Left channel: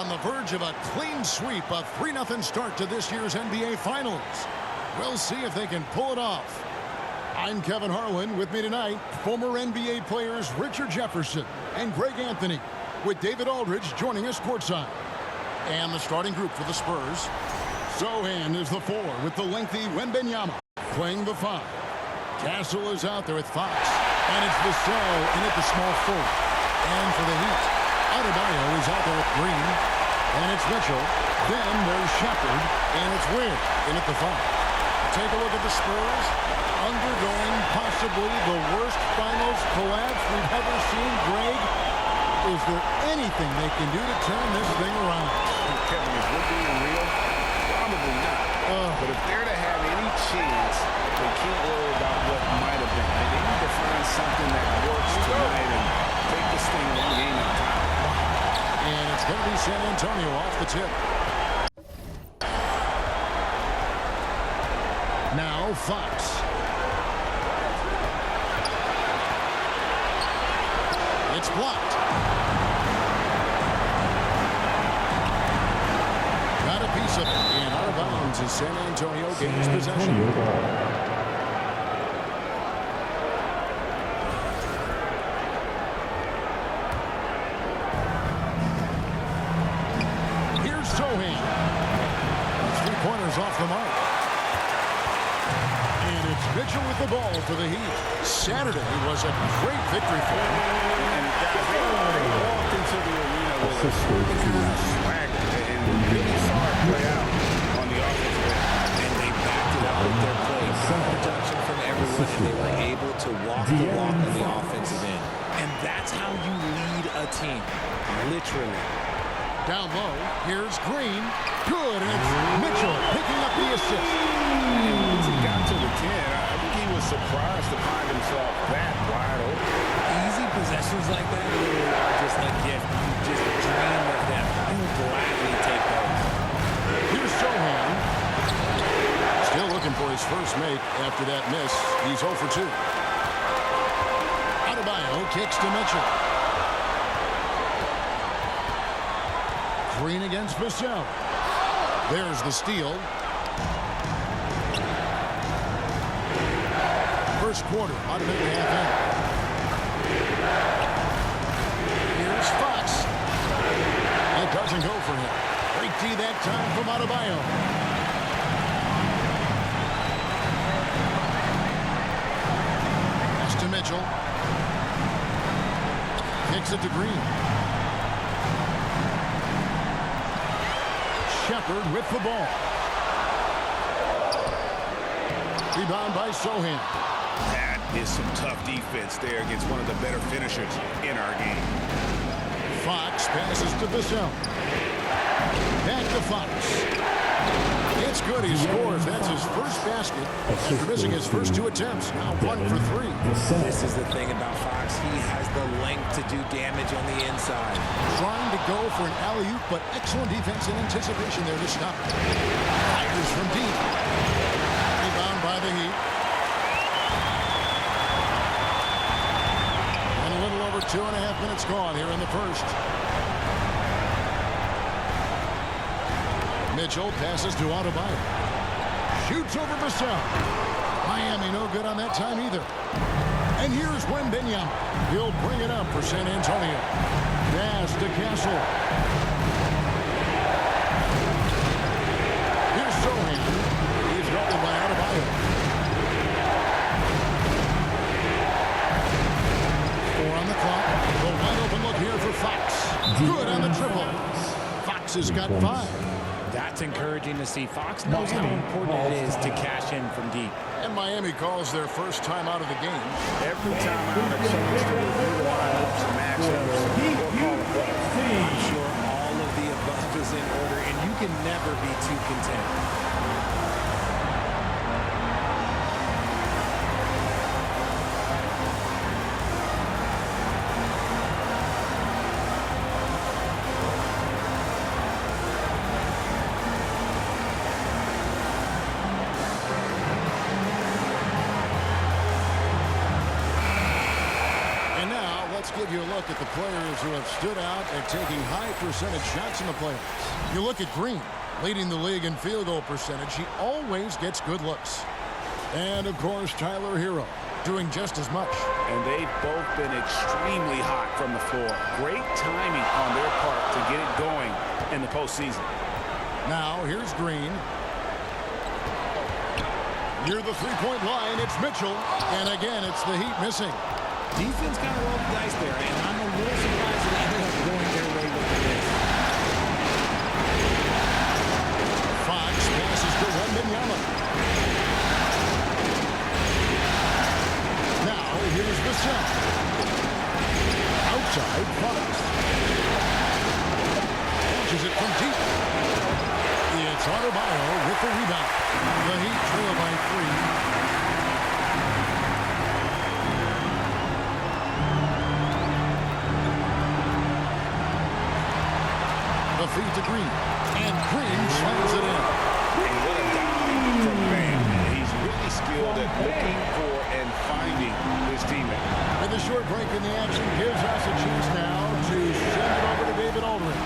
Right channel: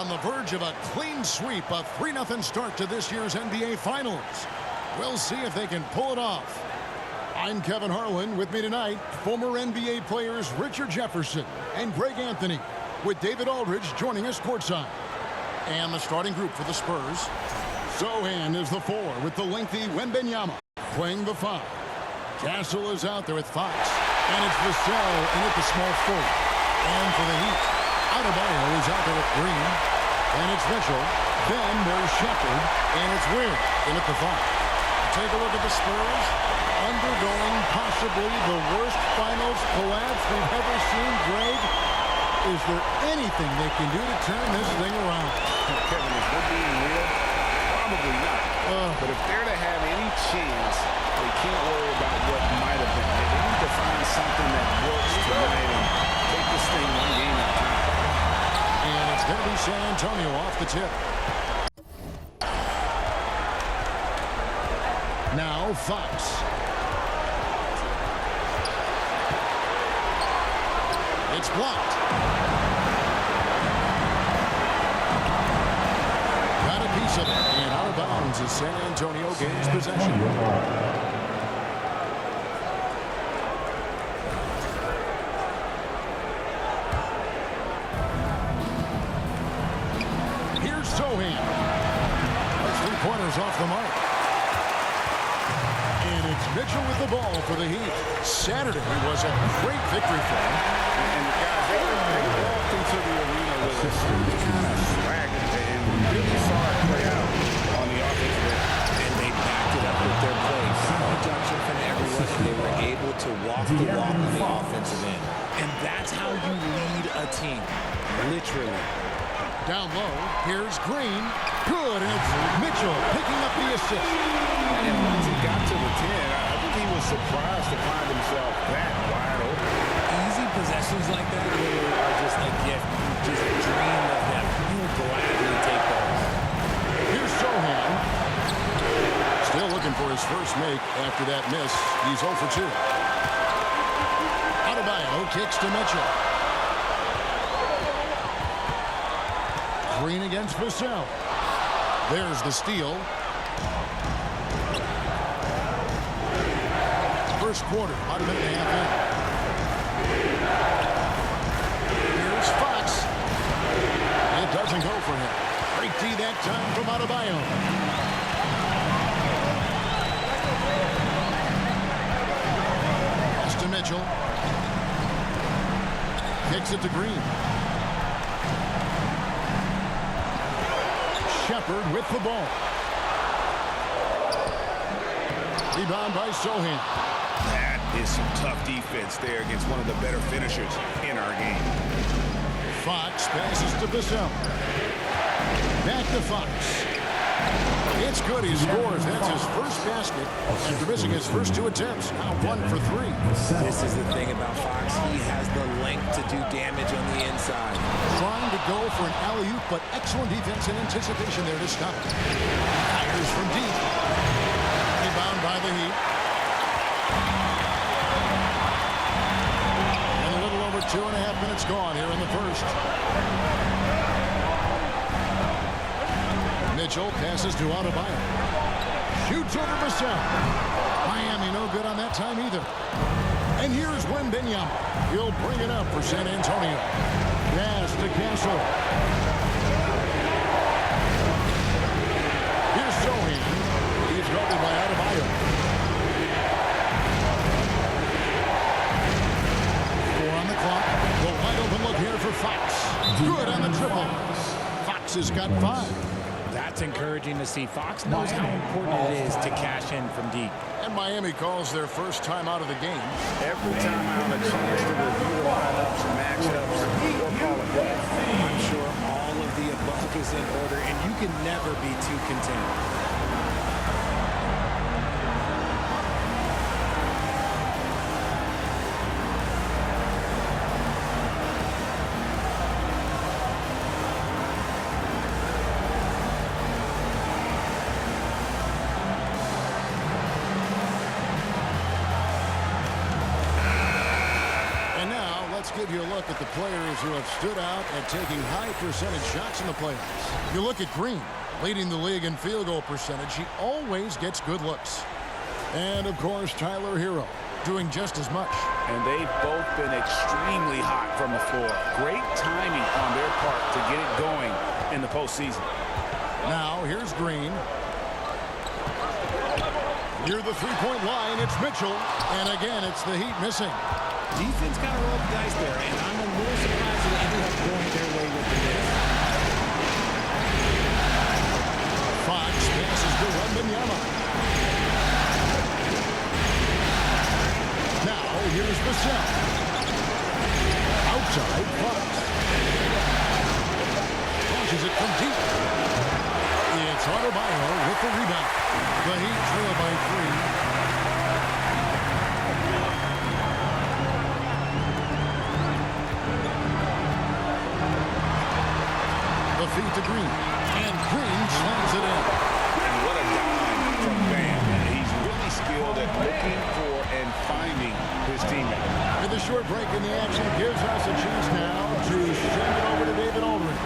on the verge of a clean sweep, a 3-0 start to this year's NBA Finals. We'll see if they can pull it off. I'm Kevin Harlan. With me tonight, former NBA players Richard Jefferson and Greg Anthony, with David Aldridge joining us courtside. And the starting group for the Spurs. Sochan is the 4 with the lengthy Wembanyama playing the 5. Castle is out there with Fox. And it's Vassell in at the small forward. And for the Heat, Adebayo is out there with Green. And it's Mitchell. Then there's Shepherd. And it's Ware in at the 5. Take a look at the Spurs undergoing possibly the worst finals collapse we've ever seen. Greg, is there anything they can do to turn this thing around? Kevin, if we're being real, probably not. But if they're to have any chance, they can't worry about what might have been. They need to find something that works tonight and take this thing one game at a time. And it's going to be San Antonio off the tip. Now Fox. It's blocked. Got a piece of it. And out of bounds as San Antonio gains possession. Here's Sochan. Those 3-pointers off the mark. And it's Mitchell with the ball for the Heat. Saturday was a great victory for them. And guys, they walked into the arena with a certain kind of swagger. And we really saw it play out on the offensive end. And they backed it up with their play. Got production from everyone, and they were able to walk the walk on the offensive end. And that's how you lead a team. Literally. Down low, here's Green. Good, and it's Mitchell picking up the assist. And once he got to the 10, I think he was surprised to find himself that wide open. Easy possessions like that literally are just a gift. You just dream of them. You'll gladly take those. Here's Sochan. Still looking for his first make after that miss. He's 0 for 2. Adebayo kicks to Mitchell. Green against Vassell. There's the steal. First quarter, about a minute and a half in. Here's Fox. It doesn't go for him. Great D that time from Adebayo. Pass to Mitchell. Kicks it to Green. Shepherd with the ball. Rebound by Sochan. That is some tough defense there against one of the better finishers in our game. Fox passes to Vassell. Back to Fox. It's good. He scores. That's his first basket after missing his first 2 attempts. Now 1 for 3. This is the thing about Fox. He has the length to do damage on the inside. Trying to go for an alley-oop, but excellent defense and anticipation there to stop it. Fires from deep. Rebound by the Heat. And a little over 2.5 minutes gone here in the first. Mitchell passes to Adebayo. Shoots over Vassell. Miami no good on that time either. And here's Wembanyama. He'll bring it up for San Antonio. Pass to Castle. Here's Sochan. He's guarded by Adebayo. 4 on the clock. The wide open look here for Fox. Good on the triple. Fox has got 5. That's encouraging to see. Fox knows how important it is to cash in from deep. And Miami calls their first time out of the game. Every time out, a chance to review the lineups and matchups or call a play. I'm sure all of the above is in order, and you can never be too content. And now let's give you a look at the players who have stood out at taking high percentage shots in the playoffs. You look at Green, leading the league in field goal percentage. He always gets good looks. And, of course, Tyler Hero doing just as much. And they've both been extremely hot from the floor. Great timing on their part to get it going in the postseason. Now, here's Green. Near the three-point line, it's Mitchell. And again, it's the Heat missing. Defense kind of rolled the dice there, and I'm a little surprised that it ended up going their way with the miss. Fox passes to Wembanyama. Now, here's Vassell. Outside, Fox. Launches it from deep. It's Adebayo with the rebound. The Heat trail by 3. The feed to Green. And Green slams it in. And what a dime from Bam. He's really skilled at looking for and finding his teammate. And the short break in the action gives us a chance now to send it over to David Aldridge.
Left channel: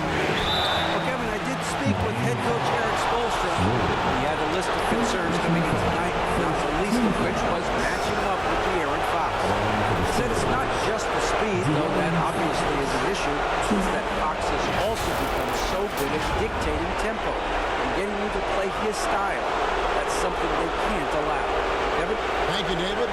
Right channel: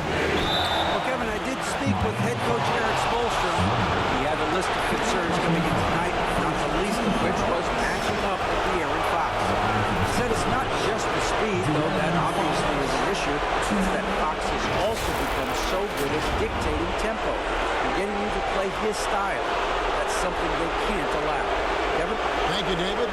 Well, Kevin, I did speak with head coach Eric Spoelstra. He had a list of concerns coming in tonight, not the least of which was matching up with De'Aaron Fox. He said it's not just the speed, though that obviously is an issue. It's that Fox has also become so good at dictating tempo and getting you to play his style. That's something they can't allow. Kevin? Thank you, David.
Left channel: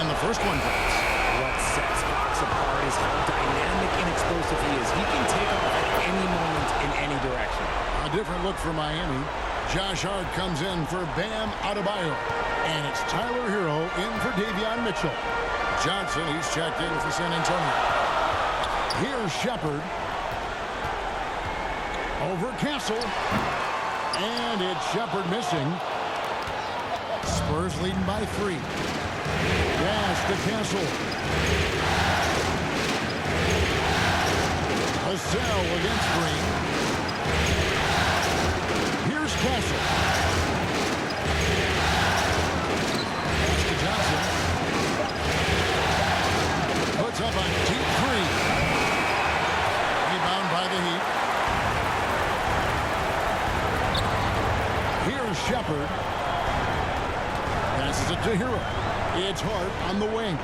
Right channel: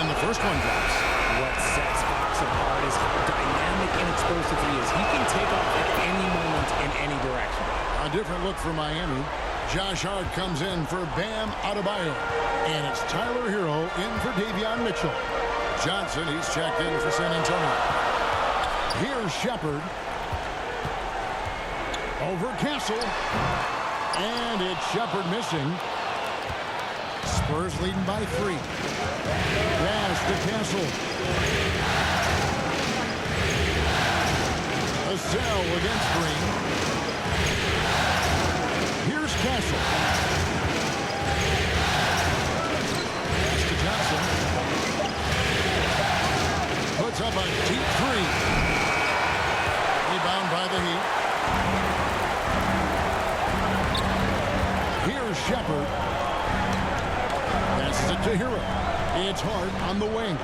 And the first one drops. What sets Fox apart is how dynamic and explosive he is. He can take off at any moment in any direction. A different look for Miami. Josh Hart comes in for Bam Adebayo. And it's Tyler Hero in for Davion Mitchell. Johnson, he's checked in for San Antonio. Here's Shepard. Over Castle. And it's Shepard missing. Spurs leading by 3. Pass to Castle. Vassell against Green. Here's Castle. Pass to Johnson. Puts up a deep 3. Rebound by the Heat. Here's Shepard. Passes it to Hero. It's Hart on the wing.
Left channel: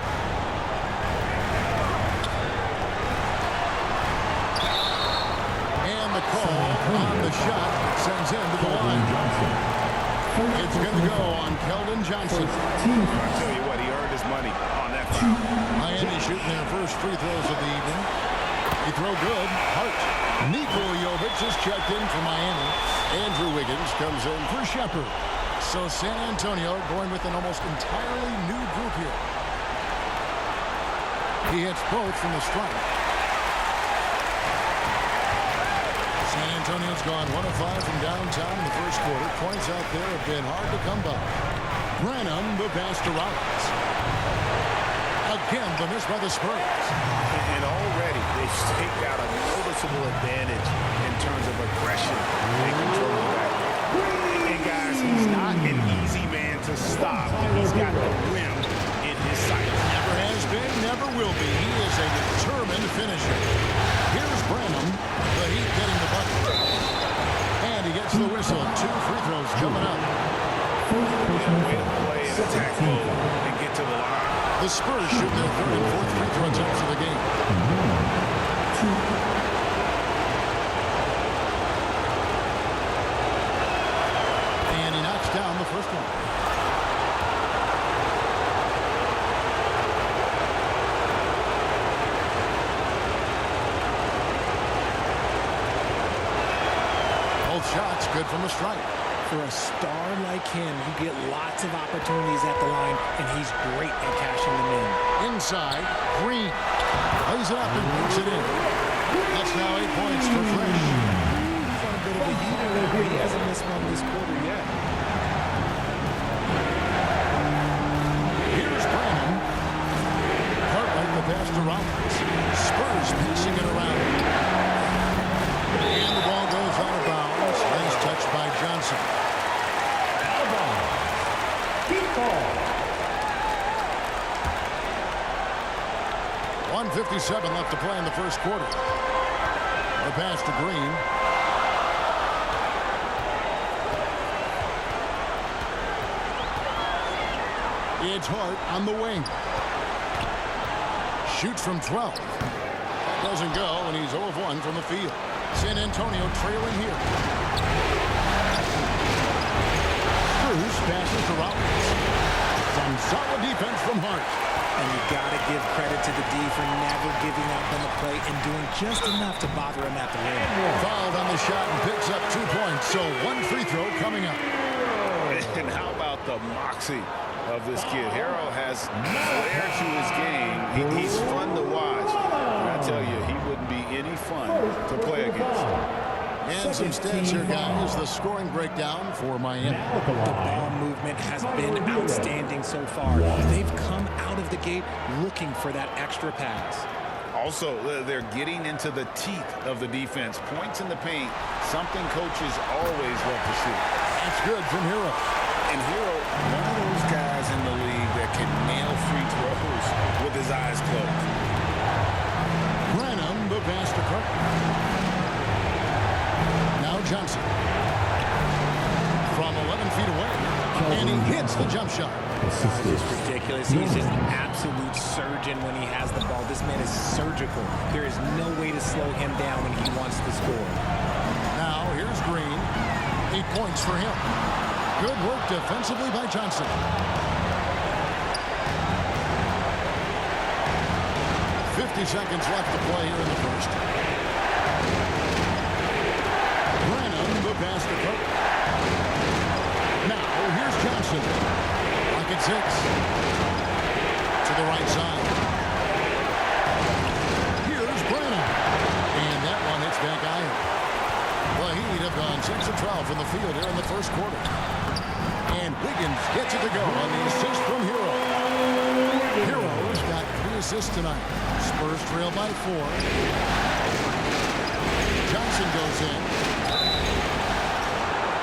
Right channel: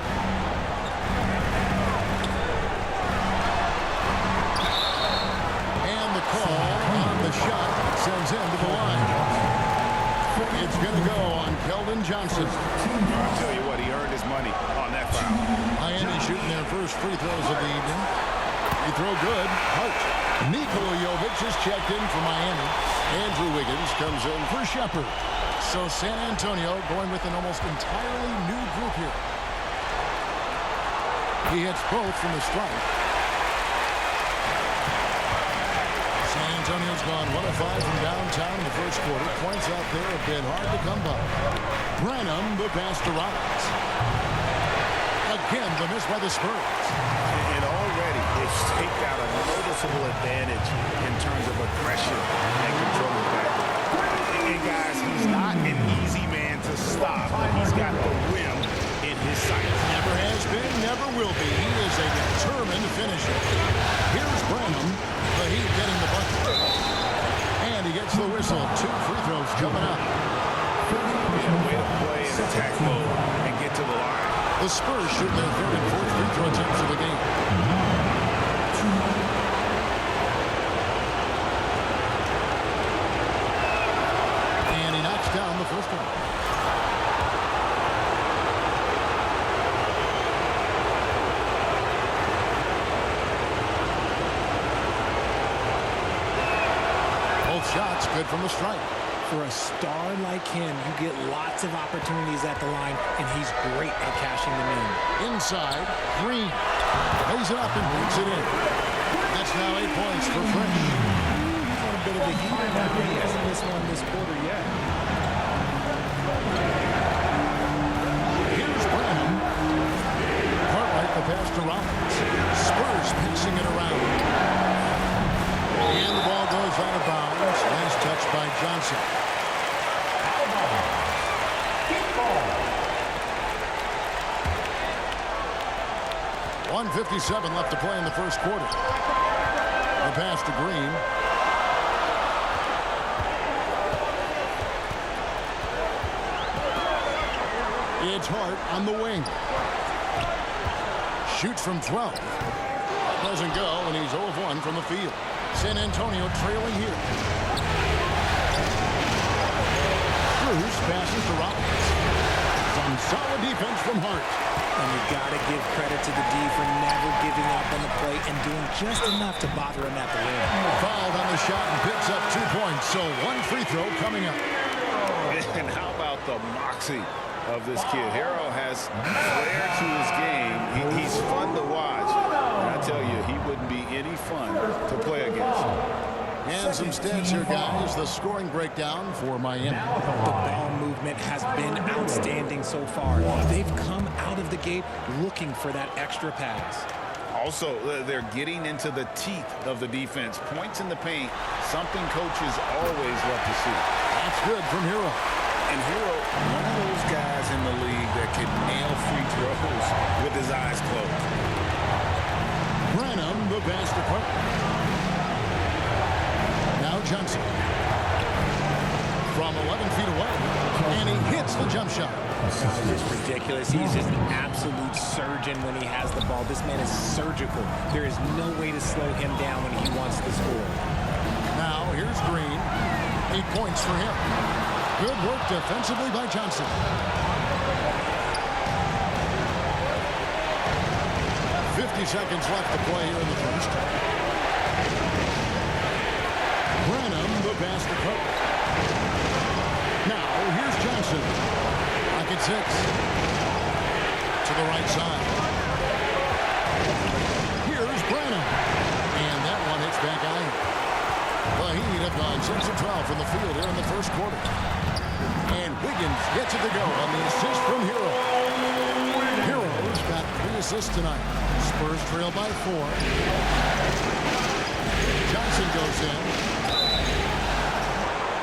And the call on the shot that sends him to the line. It's going to go on Keldon Johnson. I'll tell you what, he earned his money on that foul. Miami shooting their first free throws of the evening. Free throw good. Hart. Nikola Jovic is checked in for Miami. Andrew Wiggins comes in for Shepard. So San Antonio going with an almost entirely new group here. He hits both from the stripe. San Antonio's gone 1 of 5 from downtown in the first quarter. Points out there have been hard to come by. Branham, the pass to Rollins. Again, the miss by the Spurs. And already they've staked out a noticeable advantage in terms of aggression and controlling the backcourt. And guys, he's not an easy man to stop, but he's got the rim in his sights. Never has been, never will be. He is a determined finisher. Here's Branham, the Heat getting the bucket. And he gets the whistle. 2 free throws coming up. Yeah, way to play in attack mode and get to the line. The Spurs shooting their 3rd and 4th free throw attempts of the game. And he knocks down the first one. Both shots good from the stripe. For a star like him, you get lots of opportunities at the line, and he's great at cashing them in. Inside, Green lays it up and makes it in. That's now 8 points for Fresh. He's on a bit of a heater now. He hasn't missed one this quarter yet. Here's Branham. Cartwright the pass to Rollins. Spurs passing it around. And the ball goes out of bounds. Last touch by Johnson. Out of bounds. Keep ball. 1:57 left to play in the first quarter. The pass to Green. It's Hart on the wing. Shoots from 12. That doesn't go, and he's 0 of 1 from the field. San Antonio trailing here. Bruce passes to Rollins. Some solid defense from Hart. And you got to give credit to the D for never giving up on the play and doing just enough to bother him at the rim. Fouled on the shot and picks up 2 points, so 1 free throw coming up. And how about the moxie of this kid? Harrell has flair to his game. He's fun to watch. And I tell you, he wouldn't be any fun to play against. And some stats here, guys. The scoring breakdown for Miami. The ball movement has been outstanding so far. They've come out of the gate looking for that extra pass. Also, they're getting into the teeth of the defense. Points in the paint, something coaches always love to see. That's good from Hero. And Hero, one of those guys in the league that can nail free throws with his eyes closed. Branham, the pass to Clark. Now Johnson. From 11 feet away. And he hits the jump shot. Guys, it's ridiculous. He's just an absolute surgeon when he has the ball. This man is surgical. There is no way to slow him down when he wants to score. Now here's Green. 8 points for him. Good work defensively by Johnson. .50 seconds left to play here in the first. Branham, the pass to Cook. Now, here's Johnson. Lock at 6. To the right side. Here's Branham. And that one hits back iron. The Heat have gone 6 of 12 from the field here in the first quarter. And Wiggins gets it to go on the assist from Hero. Hero's got 3 assists tonight. Spurs trail by 4. Johnson goes in.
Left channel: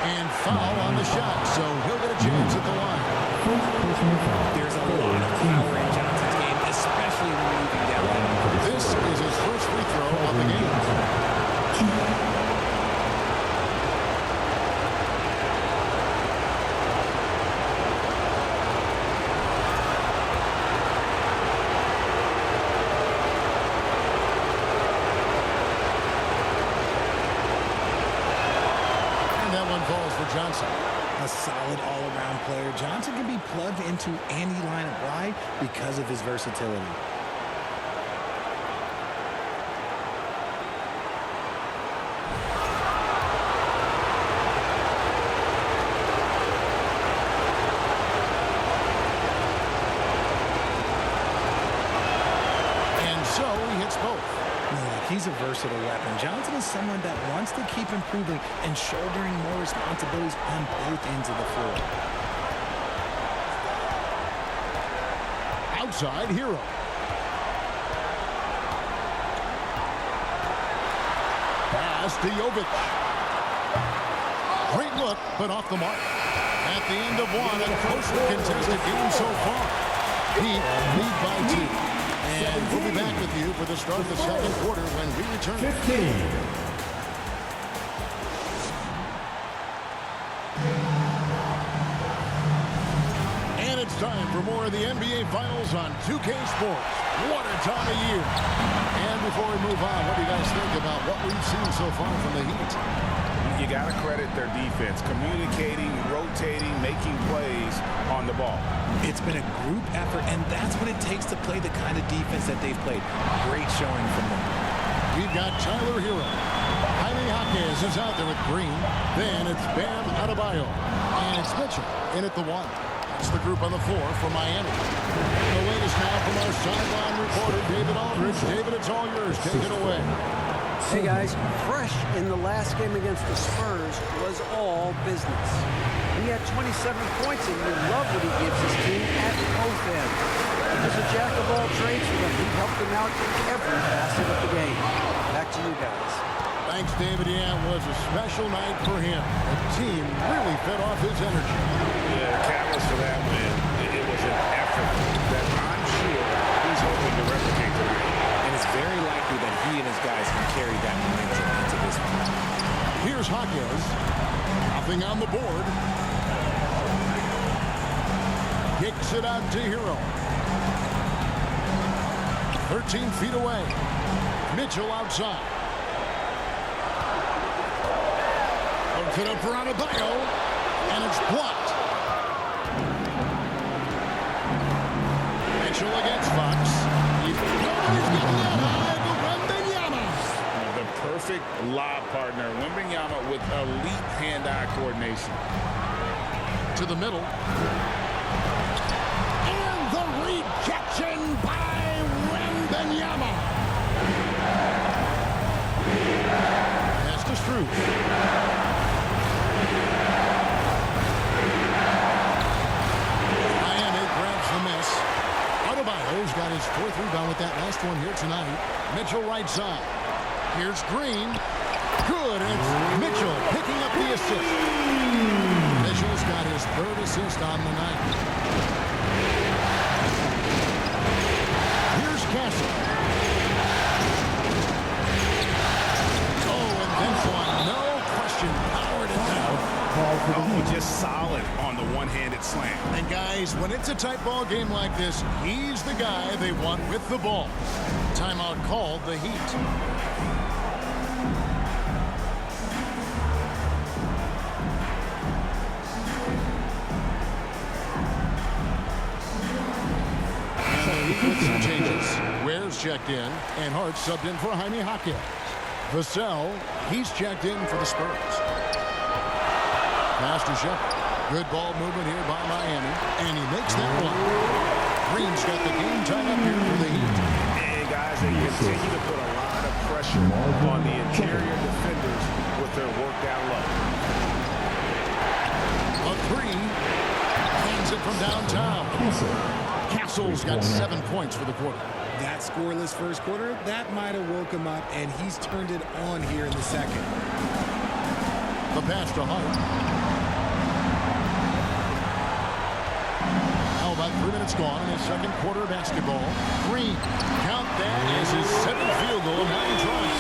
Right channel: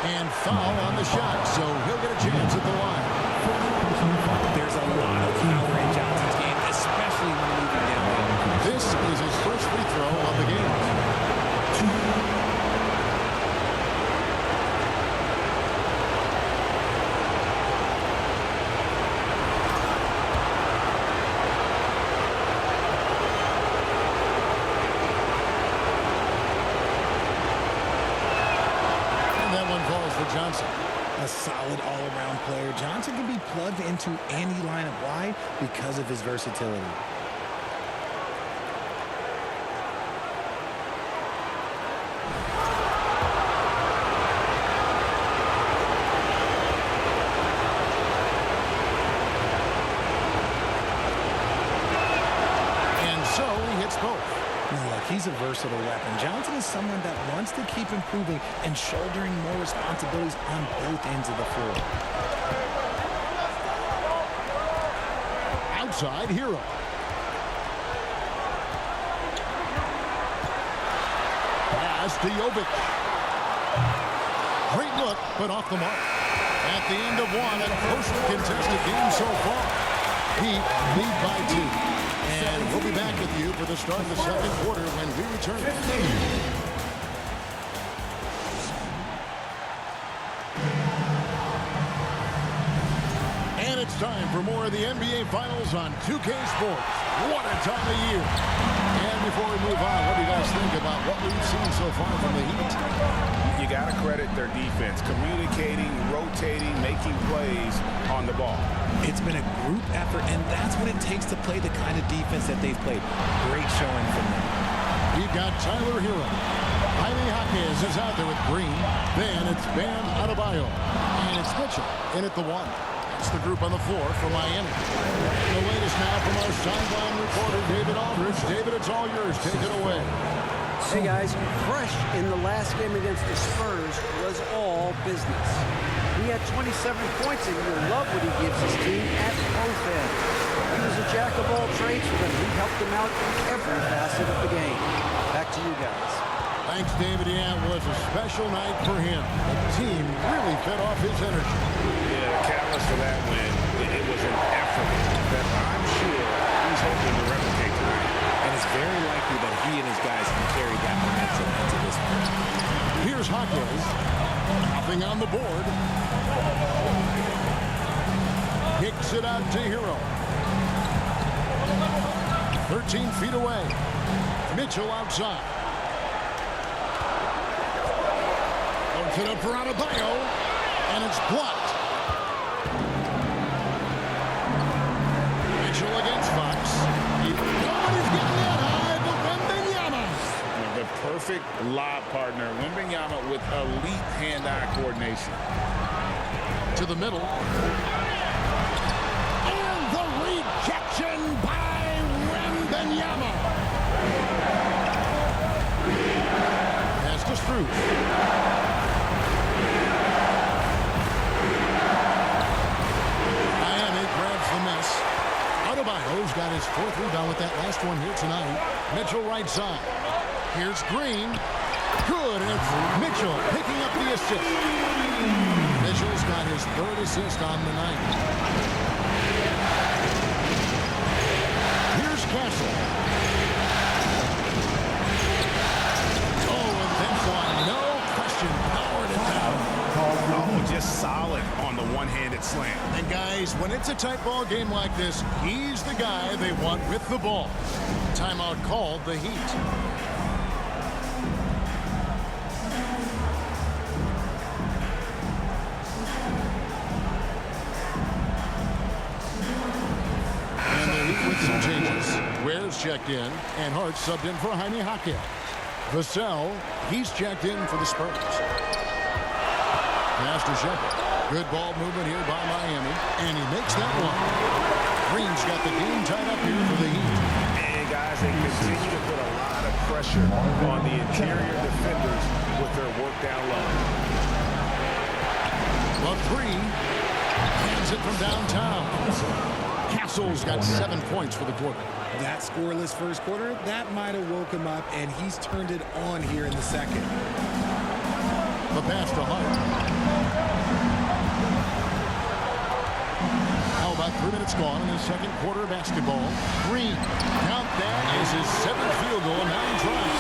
And foul on the shot, so he'll get a chance at the line. There's a lot of power in Johnson's game, especially when moving downhill. This is his first free throw of the game. That one falls for Johnson. A solid all-around player. Johnson can be plugged into any lineup. Why? Because of his versatility. And so he hits both. Look, he's a versatile weapon. Johnson is someone that wants to keep improving and shouldering more responsibilities on both ends of the floor. Outside, Hero. Pass to Jovic. Great look, but off the mark. At the end of one, a closely contested game so far. Heat lead by 2. And we'll be back with you for the start of the second quarter when we return. 15. And it's time for more of the NBA Finals on 2K Sports. What a time of year. And before we move on, what do you guys think about what we've seen so far from the Heat? You got to credit their defense, communicating, rotating, making plays on the ball. It's been a group effort, and that's what it takes to play the kind of defense that they've played. Great showing from them. We've got Tyler Hero. Jaime Jaquez is out there with Green. Then it's Bam Adebayo. And it's Mitchell in at the 1. That's the group on the floor for Miami. The latest now from our sideline reporter, David Aldridge. David, it's all yours. Take it away. Hey guys, fresh in the last game against the Spurs was all business. He had 27 points, and you love what he gives his team at both ends. He was a jack of all trades for them. He helped them out in every facet of the game. Back to you guys. Thanks, David. Yeah, it was a special night for him. The team really fed off his energy. Yeah, the catalyst for that win, it was an effort that I'm sure he's hoping to replicate tonight. And it's very likely that he and his guys can carry that momentum into this one. Here's Jaquez. Nothing on the board. Kicks it out to Hero. 13 feet away. Mitchell outside. Puts it up for Adebayo, and it's blocked. Mitchell against Fox. Nobody's getting that high, but Wembanyama. The perfect lob partner. Wembanyama with elite hand-eye coordination. To the middle. And the rejection by Wembanyama. Pass to Strus. Miami grabs the miss. Adebayo's got his 4th rebound with that last one here tonight. Mitchell right side. Here's Green. Good, and it's Mitchell picking up the assist. Mitchell's got his 3rd assist on the night. Here's Castle. Oh, and then one. No question. Powered it down. Oh, just solid on the one-handed slam. And guys, when it's a tight ball game like this, he's the guy they want with the ball. Timeout called, the Heat. And the Heat with some changes. Ware's checked in, and Hart subbed in for Jaime Jaquez. Vassell, he's checked in for the Spurs. Pass to Shepherd. Good ball movement here by Miami. And he makes that one. Green's got the game tied up here for the Heat. And guys, they continue to put a lot of pressure on the interior defenders with their work down low. The 3. Cans it from downtown. Castle's got 7 points for the quarter. That scoreless first quarter, that might have woke him up, and he's turned it on here in the second. The pass to Hart. How about 3 minutes gone in his second quarter of basketball? Green, count that as his 7th field goal. 9 tries.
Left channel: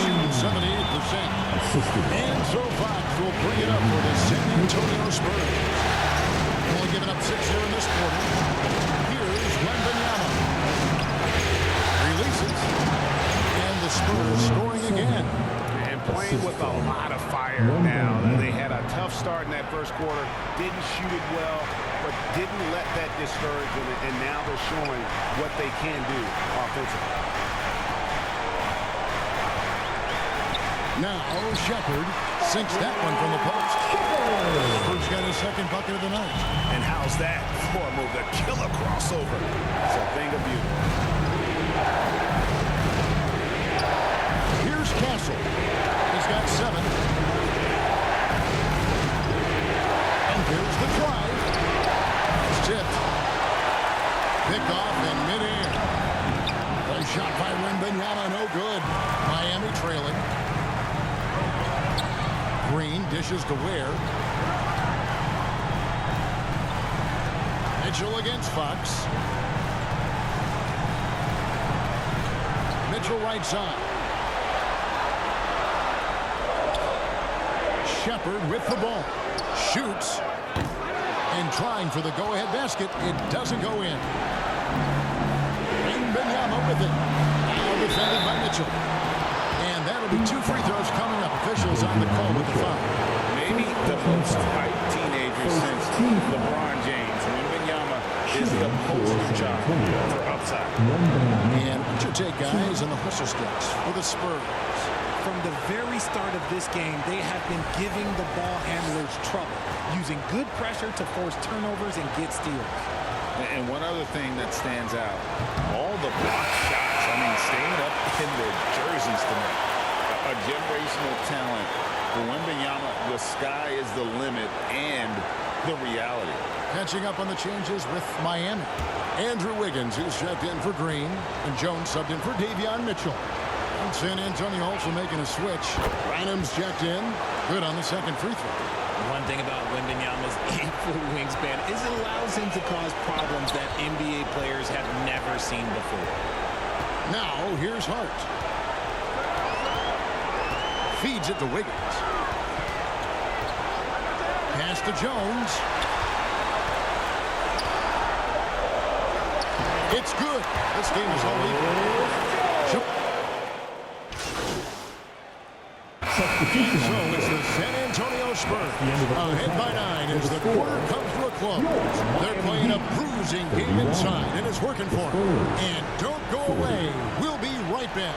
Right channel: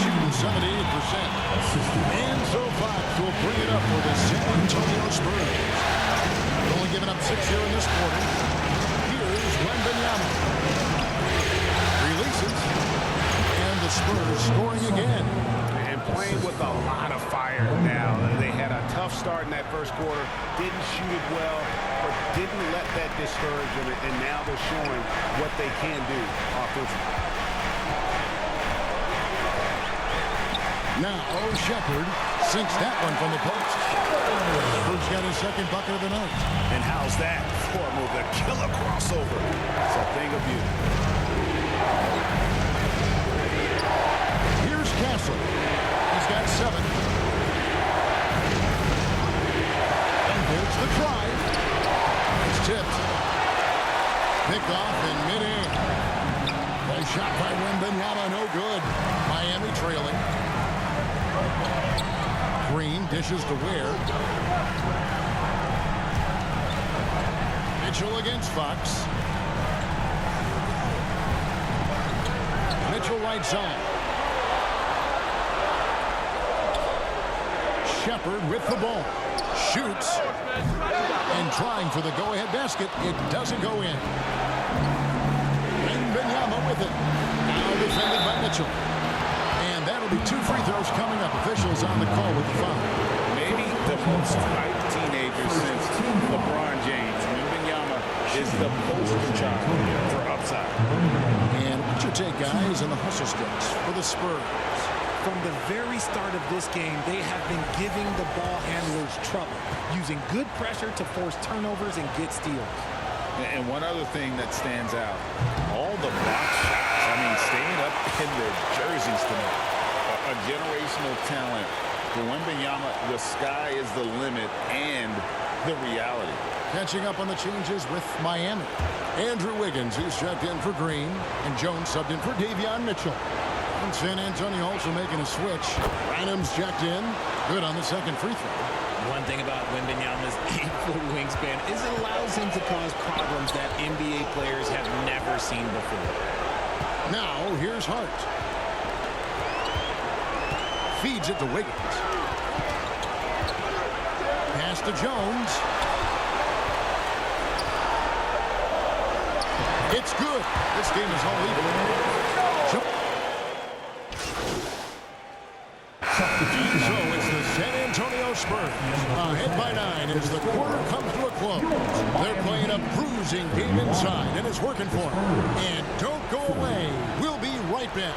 Shooting 78%. And so Fox will bring it up for the San Antonio Spurs. Only giving up 6 here in this quarter. Here's Wembanyama. Releases. And the Spurs scoring again. And playing with a lot of fire now. They had a tough start in that first quarter. Didn't shoot it well, but didn't let that discourage them. And now they're showing what they can do offensively. Now Shepherd sinks that one from the post. Shepherd's got his 2nd bucket of the night. And how's that for a move? The killer crossover. It's a thing of beauty. Here's Castle. He's got 7. And there's the drive. It's tipped. Picked off in midair. Play shot by Wembanyama, no good. Miami trailing. Green dishes to Ware. Mitchell against Fox. Mitchell right side. Shepherd with the ball. Shoots. And trying for the go-ahead basket. It doesn't go in. Wembanyama with it. Now defended by Mitchell. And that'll be 2 free throws coming up. Officials on the call with the foul. Maybe the most hyped teenager since LeBron James. Wembanyama is the poster child for upside. And what's your take, guys, on the hustle steps for the Spurs? From the very start of this game, they have been giving the ball handlers trouble, using good pressure to force turnovers and get steals. And one other thing that stands out, all the block shots. I mean, staying up in their jerseys tonight. A generational talent. For Wembanyama, the sky is the limit and the reality. Catching up on the changes with Miami. Andrew Wiggins, he's checked in for Green. And Jones subbed in for Davion Mitchell. And San Antonio also making a switch. Rynum's checked in. Good on the second free throw. One thing about Wembanyama's 8-foot wingspan is it allows him to cause problems that NBA players have never seen before. Now, here's Hart. Feeds it to Wiggins. Pass to Jones. It's good. This game is all even. So it's the San Antonio Spurs ahead by 9 as the quarter comes to a close. They're playing a bruising game inside, and it's working for them. And don't go away. We'll be right back.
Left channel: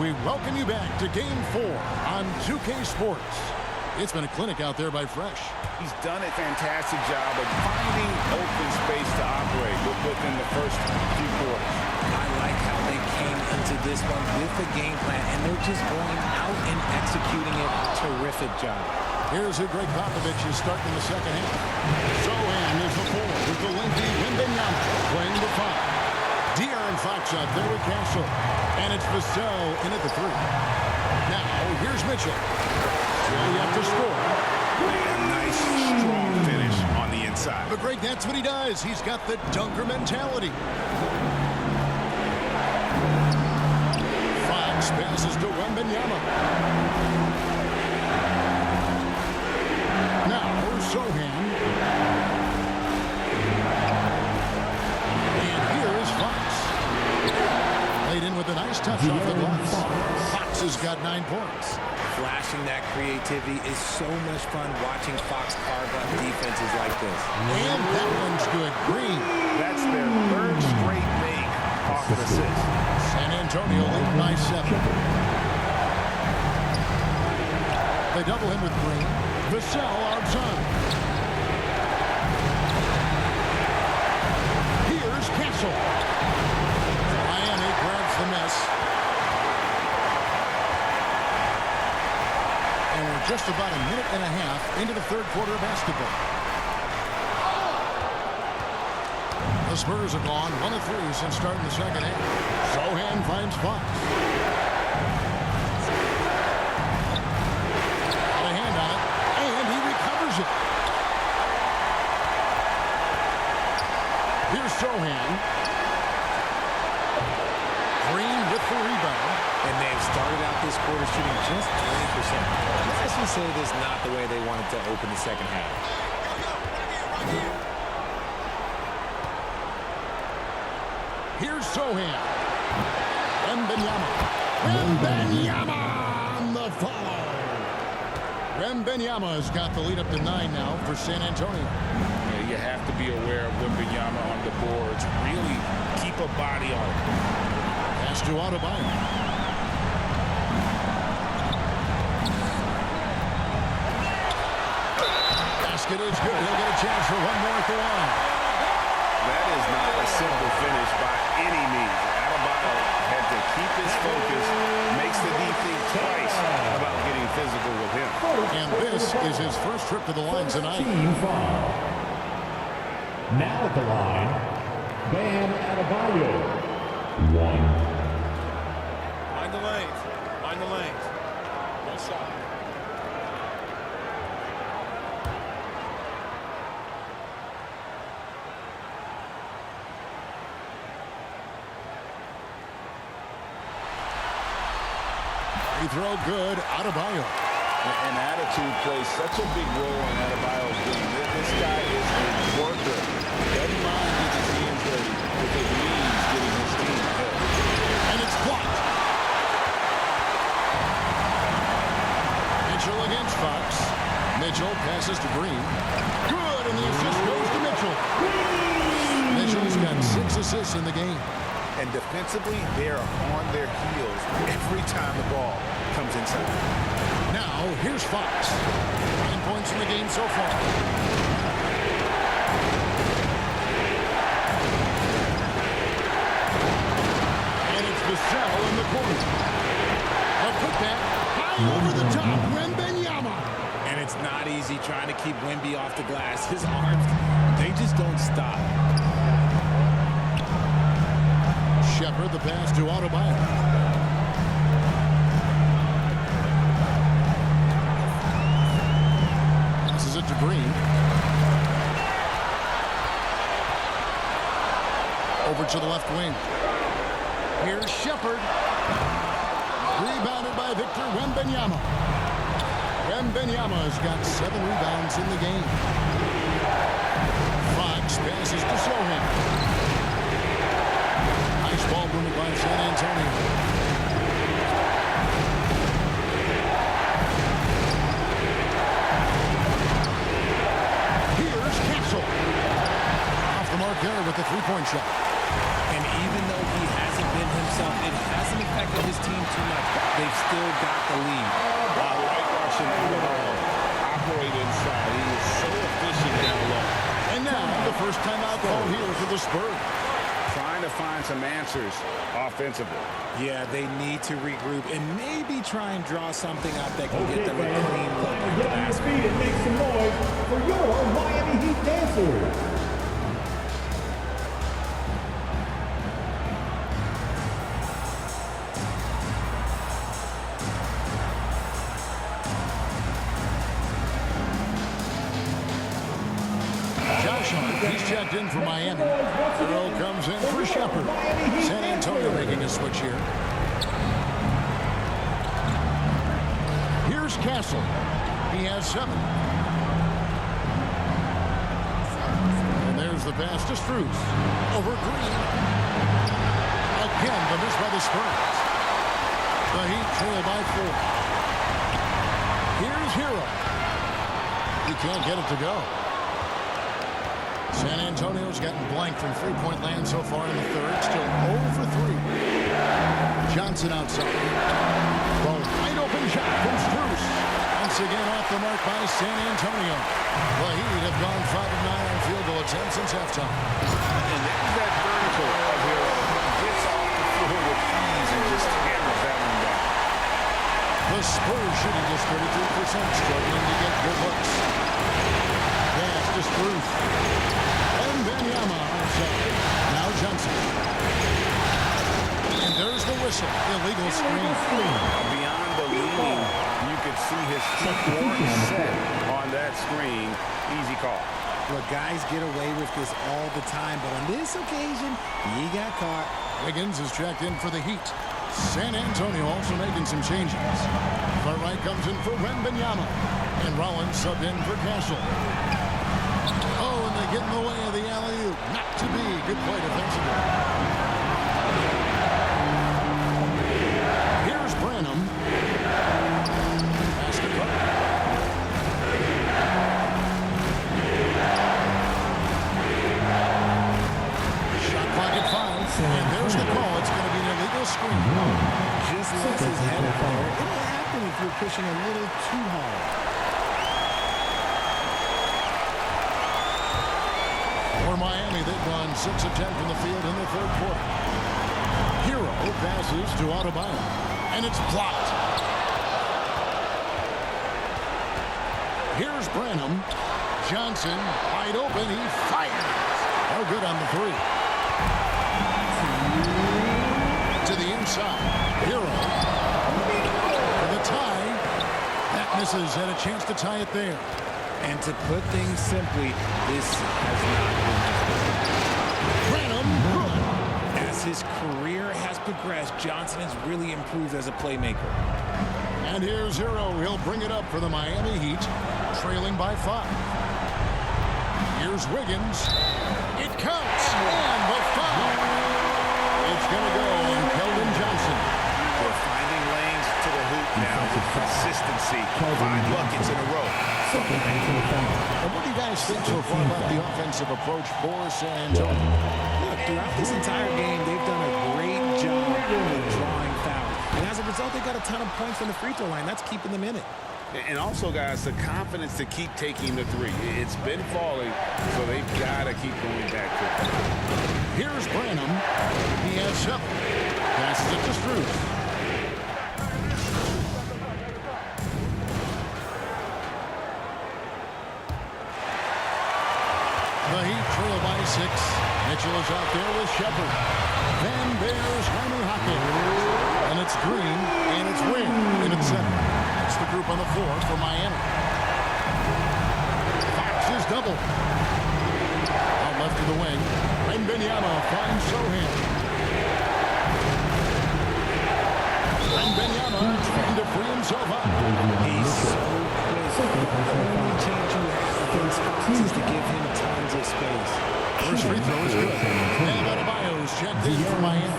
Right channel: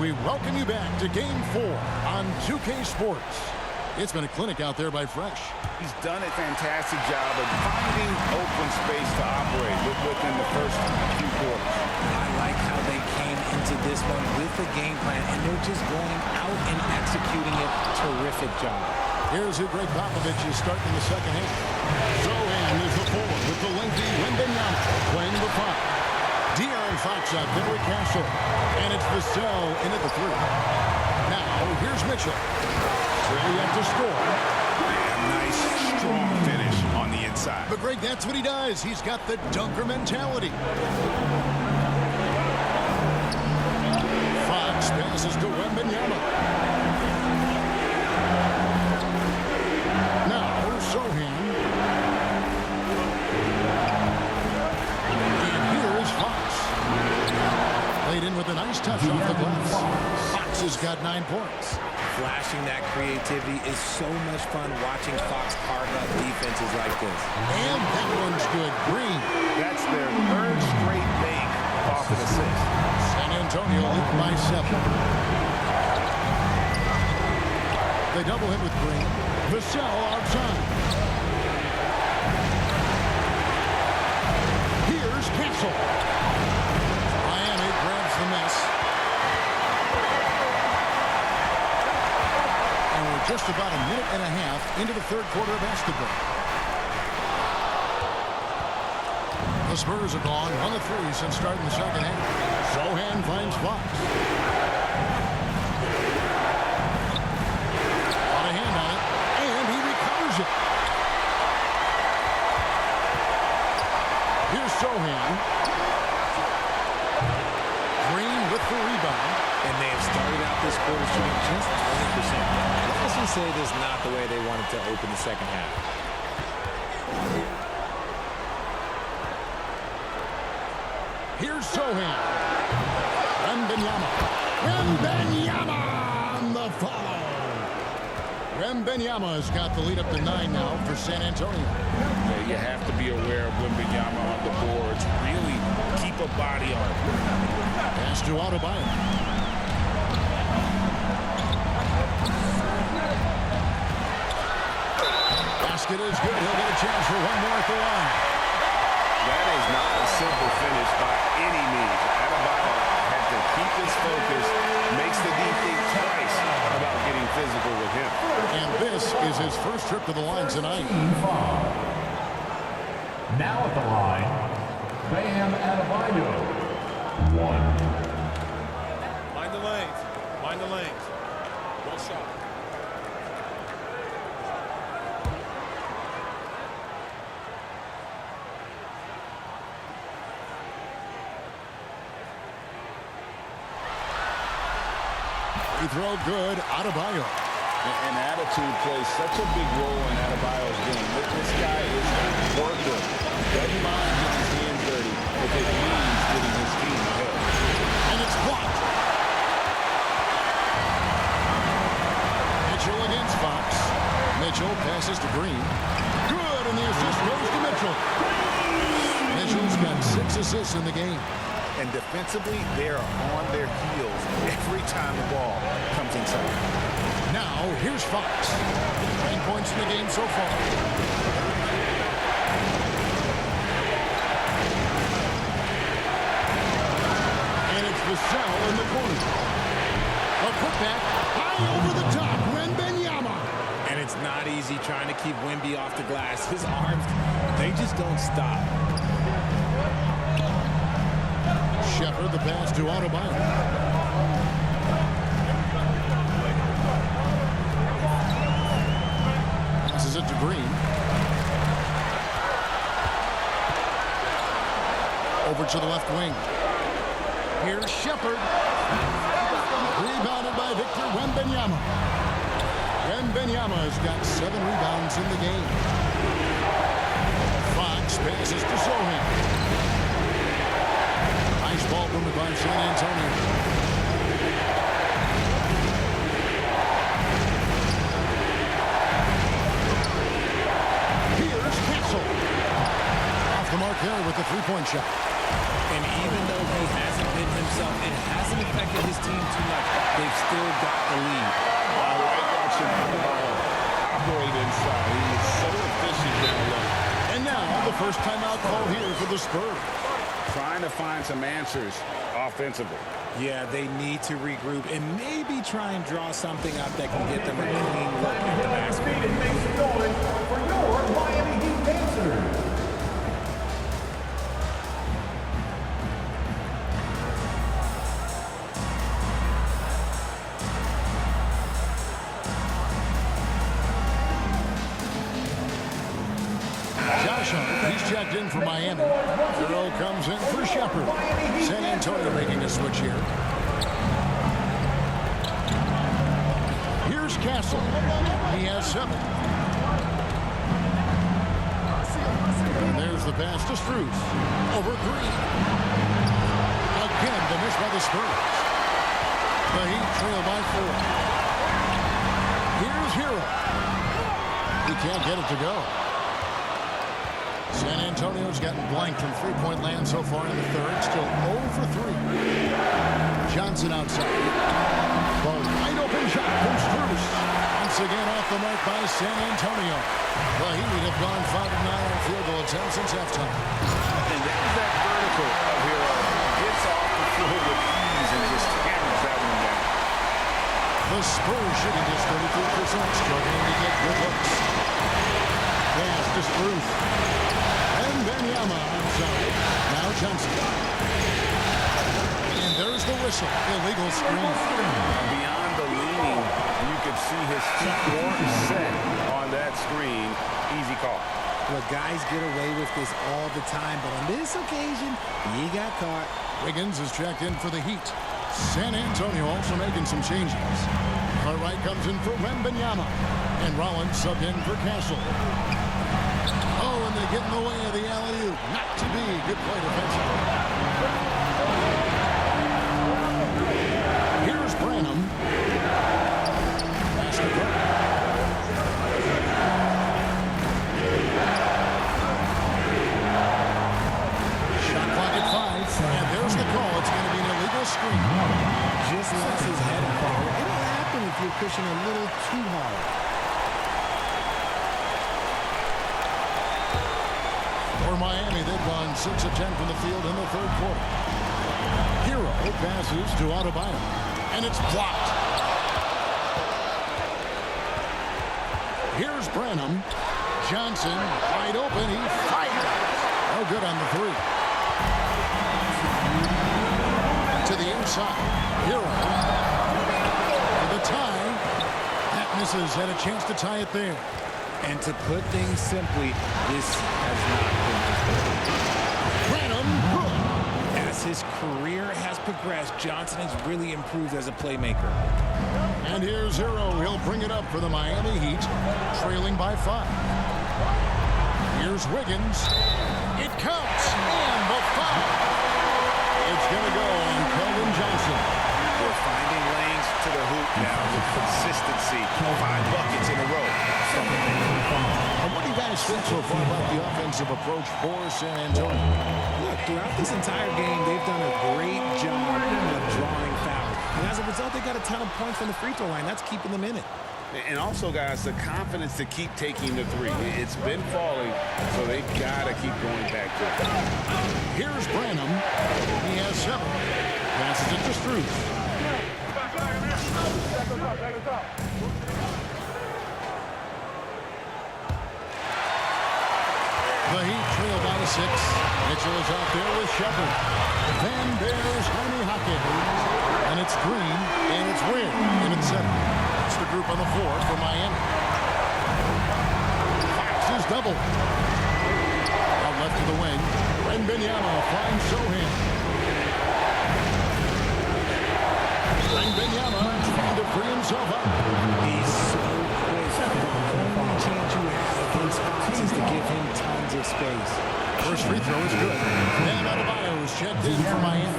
We welcome you back to Game 4 on 2K Sports. It's been a clinic out there by Fresh. He's done a fantastic job of finding open space to operate within the first few quarters. I like how they came into this one with a game plan, and they're just going out and executing it. Terrific job. Here's who Greg Popovich is starting in the second half. Sohan is the 4 with the lengthy Wembanyama playing the 5. De'Aaron Fox out there with Castle. And it's Vassell in at the 3. Now, here's Mitchell. Still yet to score. A nice, strong finish on the inside. But, Greg, that's what he does. He's got the dunker mentality. Fox passes to Wembanyama. Now, Sohan. And here is Fox. Played in with a nice touch off the glass. Fox has got 9 points. Flashing that creativity is so much fun watching Fox carve up defenses like this. And that one's good. Green. That's their 3rd straight make off an assist. San Antonio leading by 7. They double him with Green. Vassell outside. Here's Castle. Miami grabs the miss. And we're just about a minute and a half into the third quarter of basketball. The Spurs have gone 1 of 3 since starting the second half. Sohan finds Fox. Got a hand on it, and he recovers it. Here's Sohan. Green with the rebound. And they have started out this quarter shooting just 20%. Let's just say this is not the way they wanted to open the second half. Here's Sohan. Wembanyama. Wembanyama on the follow. Wembanyama has got the lead up to 9 now for San Antonio. Yeah, you have to be aware of Wembanyama on the boards. Really keep a body on it. Pass to Adebayo. Basket is good. He'll get a chance for one more at the line. That is not a simple finish by any means. Adebayo had to keep his focus, makes the D think twice about getting physical with him. And this is his first trip to the line tonight. Team foul. Now at the line, Bam Adebayo. 1. Mind the lanes. Mind the lanes. One shot. Free throw good. Adebayo. And attitude plays such a big role in Adebayo's game. This guy is a worker. Doesn't mind getting his hands dirty if it means getting his team ahead. And it's blocked. Mitchell against Fox. Mitchell passes to Green. Good, and the assist goes to Mitchell. Mitchell's got 6 assists in the game. And defensively, they are on their heels every time the ball comes inside. Now, here's Fox. 9 points in the game so far. And it's Vassell in the corner. A putback high over the top. Wembanyama. And it's not easy trying to keep Wemby off the glass. His arms, they just don't stop. Shepherd, the pass to Adebayo. Passes it to Green. Over to the left wing. Here's Shepherd. Rebounded by Victor Wembanyama. Wembanyama has got 7 rebounds in the game. Fox passes to Sohan. Nice ball movement by San Antonio. Here's Castle. Off the mark there with the three-point shot. And even though he hasn't been himself, it hasn't affected his team too much. They've still got the lead. I like watching Adebayo operate inside. He is so efficient down low. And now the first timeout called here for the Spurs. Trying to find some answers offensively. Yeah, they need to regroup and maybe try and draw something up that can get them a clean look at the basket. And make some noise for your Miami Heat dancers. Josh Hart, he's checked in for Miami. Earl comes in for Shepherd. San Antonio making a switch here. Here's Castle. He has 7. And there's the pass to Strus. Over Green. Again, the miss by the Spurs. The Heat trail by 4. Here's Hero. He can't get it to go. San Antonio's gotten blank from three-point land so far in the third. Still 0 for 3. Johnson outside. The wide-open shot from Strus. Once again off the mark by San Antonio. The Heat have gone 5 of 9 on field goal attempts since halftime. And there's that vertical of Hero. Gets off the floor with ease and just hammers that one down. The Spurs shooting just 33%, struggling to get good looks. Pass to Strus. Wembanyama outside. Now Johnson. And there's the whistle. Illegal screen. Beyond the leaning, you could see his feet weren't set on that screen. Easy call. Look, guys get away with this all the time, but on this occasion, he got caught. Wiggins is checked in for the Heat. San Antonio also making some changes. Cartwright comes in for Wembanyama. And Rollins subbed in for Castle. Oh, and they get in the way of the alley-oop. Not to be. Good play defensively. Here's Branham. Pass to Cook. Shot clock at 5. And there's the call. It's going to be an illegal screen. Just lost his head out there. It'll happen if you're pushing a little too hard. For Miami, they've gone 6 of 10 from the field in the third quarter. Hero passes to Adebayo, and it's blocked. Here's Branham. Johnson, wide open, he fires. No good on the 3. To the inside. Hero for the tie. That misses, had a chance to tie it there. And to put things simply, this has not been his Branham, good. As his career has progressed, Johnson has really improved as a playmaker. And here's Hero. He'll bring it up for the Miami Heat, trailing by 5. Here's Wiggins. It counts, and the foul. It's going to go on Keldon Johnson. They're finding lanes to the hoop now with consistency. 5 buckets in a row from the paint. And what do you guys think so far about the offensive approach for San Antonio? Look, throughout this entire game, they've done a great job of drawing fouls. And as a a result, they got a ton of points from the free throw line. That's keeping them in it. And also, guys, the confidence to keep taking the three. It's been falling, so they've got to keep going back to it. Here's Branham. He has 7. Passes it to Strus. The Heat trail by 6. Mitchell is out there with Shepard. Then there's Jaime Jaquez. And it's Green, and it's Wynn in at 7. It's the group on the floor for Miami. Fox is double. Out left to the wing. Wembanyama finds Sohan. Wembanyama trying to free himself up. He's so quick. The only chance you have against Fox is to give him tons of space. First free throw is good. And Adebayo's checked in for Miami.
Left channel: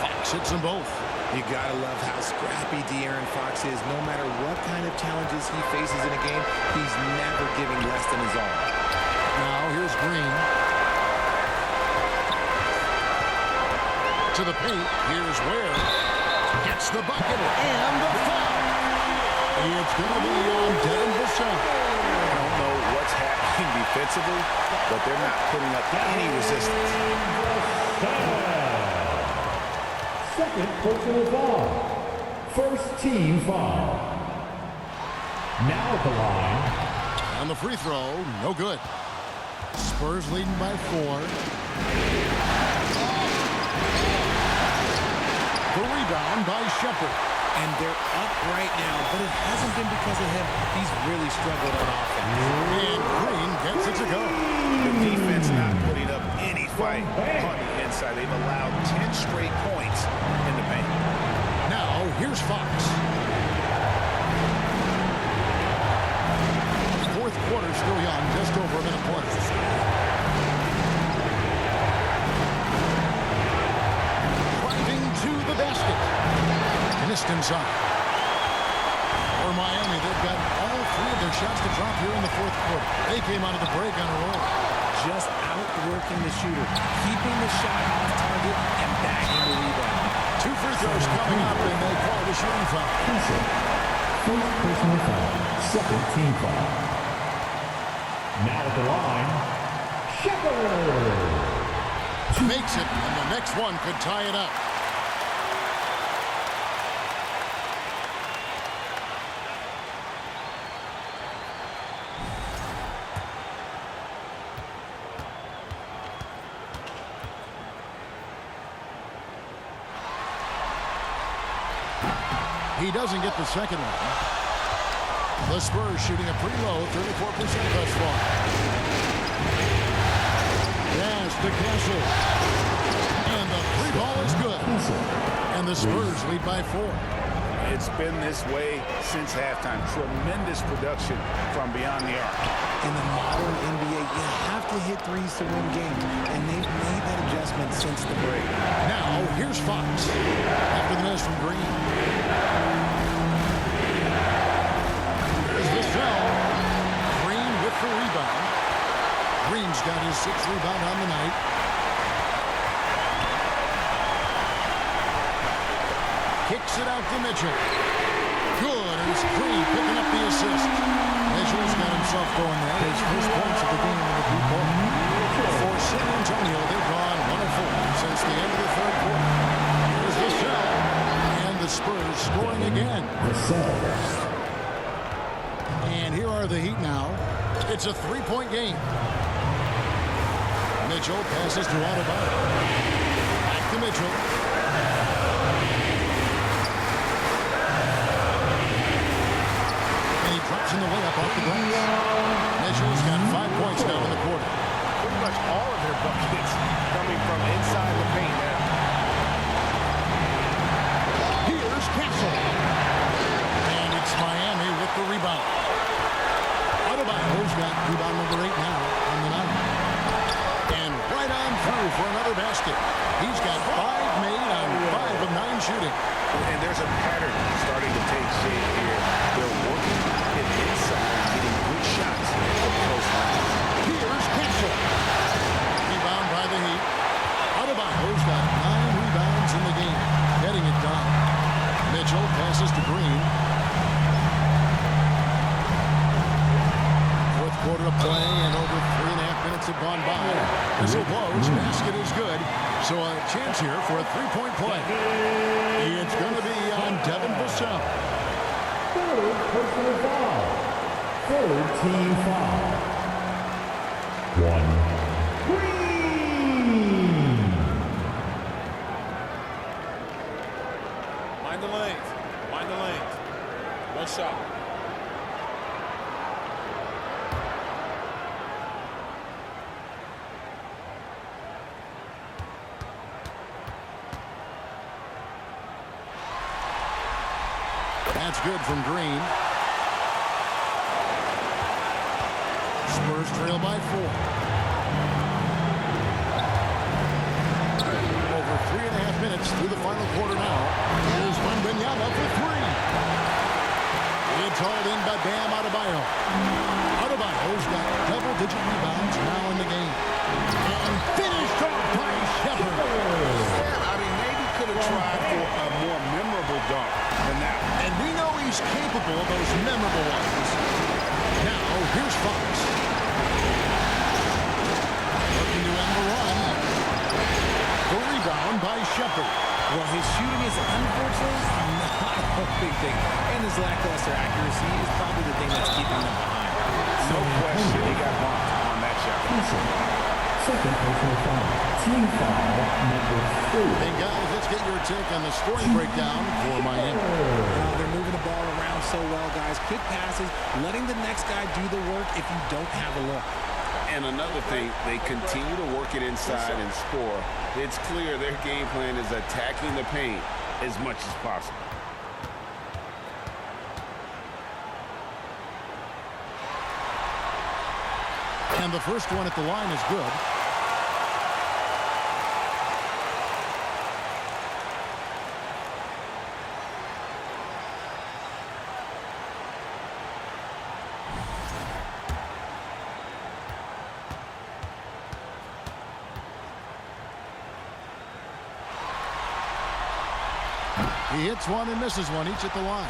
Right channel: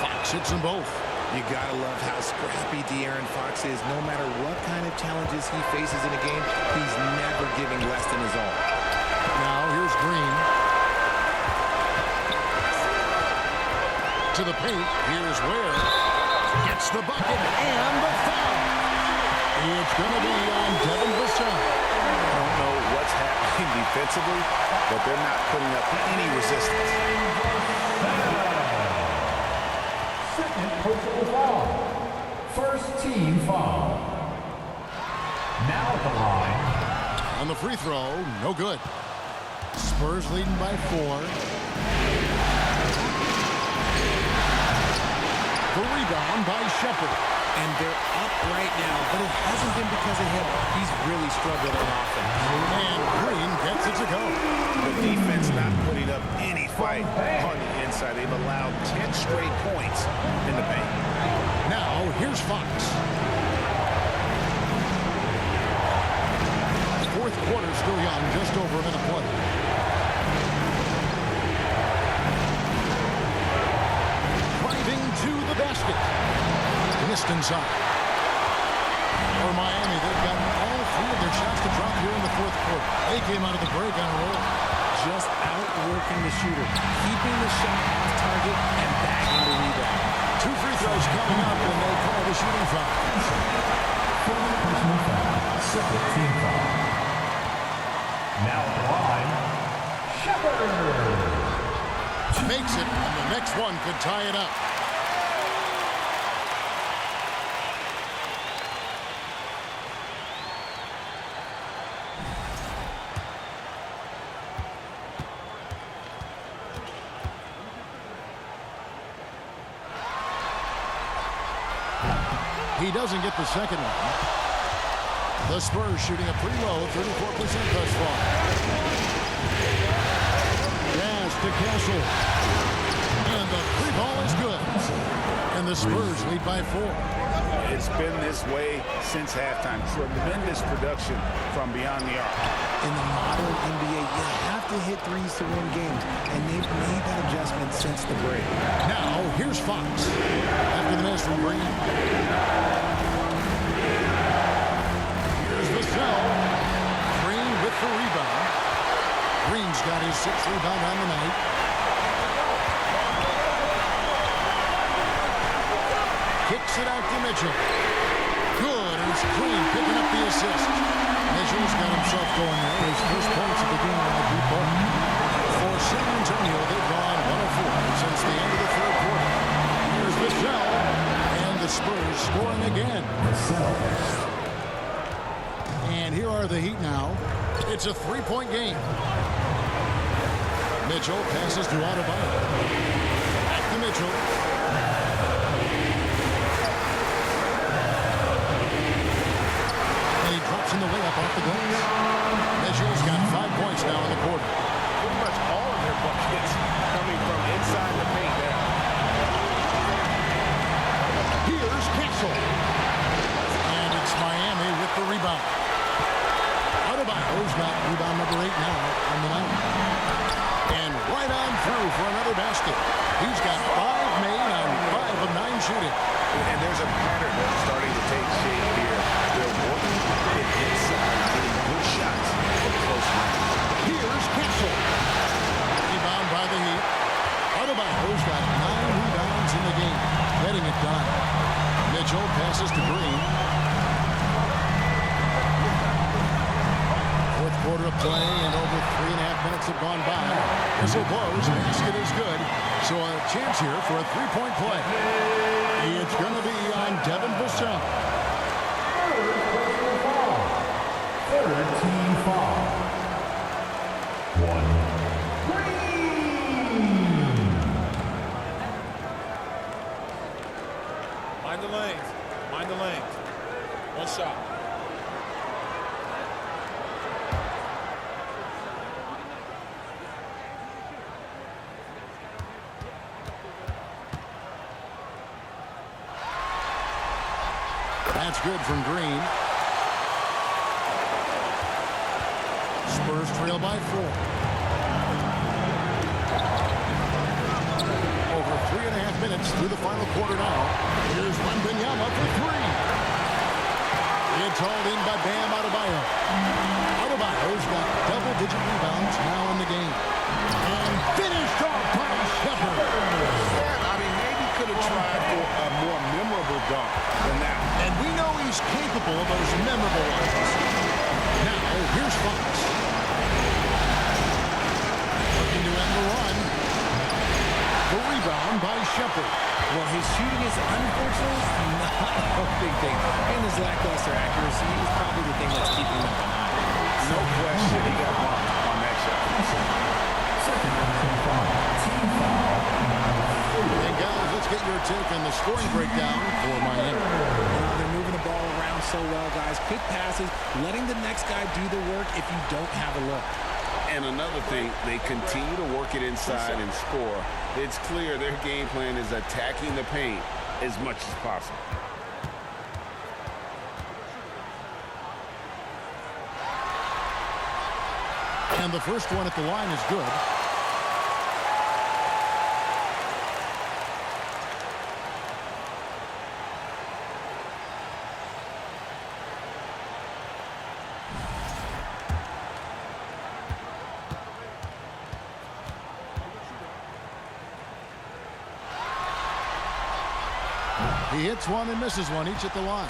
Fox hits them both. You gotta love how scrappy De'Aaron Fox is. No matter what kind of challenges he faces in a game, he's never giving less than his all. Now here's Green. To the paint. Here's Ware. Gets the bucket and the foul. It's going to be on Devin Vassell. I don't know what's happening defensively, but they're not putting up any resistance. Second personal foul. First team foul. Now at the line. On the free throw, no good. Spurs leading by 4. The rebound by Shepard. And they're up right now, but it hasn't been because of him. He's really struggled on offense. And Green gets it to go. The defense not putting up any fight on the inside. They've allowed 10 straight points in the paint. Now, here's Fox. Fourth quarter still young, just over a minute play. Driving to the basket. Missed inside. For Miami, they've gotten all 3 of their shots to drop here in the fourth quarter. They came out of the break on a roll. Just outworking the shooter, keeping the shot off target and bagging the rebound. 2 free throws coming up, and they call the shooting foul. First personal foul. Second team foul. Now at the line, Shepard. Makes it, and the next one could tie it up. He doesn't get the second one. The Spurs shooting a pretty low 34% thus far. Pass to Castle. And the 3-ball is good. And the Spurs lead by 4. It's been this way since halftime. Tremendous production from beyond the arc. In the modern NBA, you have to hit threes to win games, and they've made that adjustment since the break. Now, here's Fox. After the miss from Green. Here's Vassell. Green with the rebound. Green's got his 6th rebound on the night. Kicks it out to Mitchell. Good, and it's Green picking up the assist. Mitchell's got himself going there. His first points of the game in the deep ball. For San Antonio, they've gone 1-4 since the end of the third quarter. Here's Vassell, and the Spurs scoring again. And here are the Heat now. It's a 3-point game. Mitchell passes to Adebayo. Back to Mitchell. And he drops in the layup off the glass. Mitchell's got 5 points now in the quarter. Pretty much all of their buckets coming from inside the paint now. Here's Castle. And it's Miami with the rebound. Adebayo's got rebound number 8 now on the night. And right on through for another basket. He's got 5 made on 5 of 9 shooting. And there's a pattern starting to take shape here. They're working it inside and getting good shots from close range. Here's Castle. Rebound by the Heat. Adebayo's got 9 rebounds in the game. Getting it done. Mitchell passes to Green. Fourth quarter of play, and over 3.5 minutes have gone by. Whistle blows. Basket is good. So a chance here for a three-point play. It's going to be on Devin Vassell. Third personal foul. Third team foul. 1. Green. Mind the lanes. Mind the lanes. One shot. That's good from Green. Spurs trail by 4. Over 3.5 minutes through the final quarter now. Here's Wembanyama for 3. It's hauled in by Bam Adebayo. Adebayo's got double-digit rebounds now in the game. And finished off by Shepherd. Yeah, I mean, maybe could have tried for a more memorable dunk than that one. And we know he's capable of those memorable ones. Now, here's Fox. Looking to end the run. The rebound by Shepherd. Well, his shooting is unfortunately not a big thing. And his lackluster accuracy is probably the thing that's keeping them behind. No question, he got bumped on that shot. Second personal foul. Team foul number 4. And guys, let's get your take on the scoring breakdown for Miami. They're moving the ball around so well, guys. Quick passes, letting the next guy do the work if you don't have a look. And another thing, they continue to work it inside and score. It's clear their game plan is attacking the paint as much as possible. And the first one at the line is good. He hits one and misses one, each at the line.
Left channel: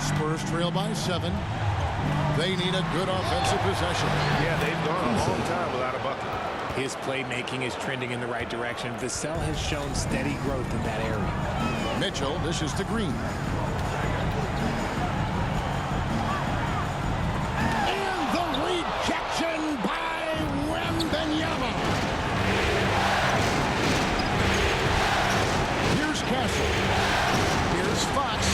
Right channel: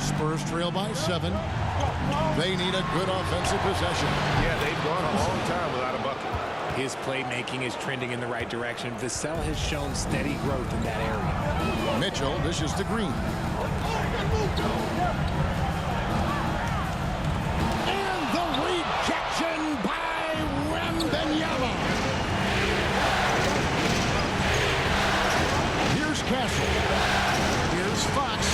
Spurs trail by 7. They need a good offensive possession. Yeah, they've gone a long time without a bucket. His playmaking is trending in the right direction. Vassell has shown steady growth in that area. Mitchell dishes to Green. And the rejection by Wembanyama. Here's Castle. Here's Fox.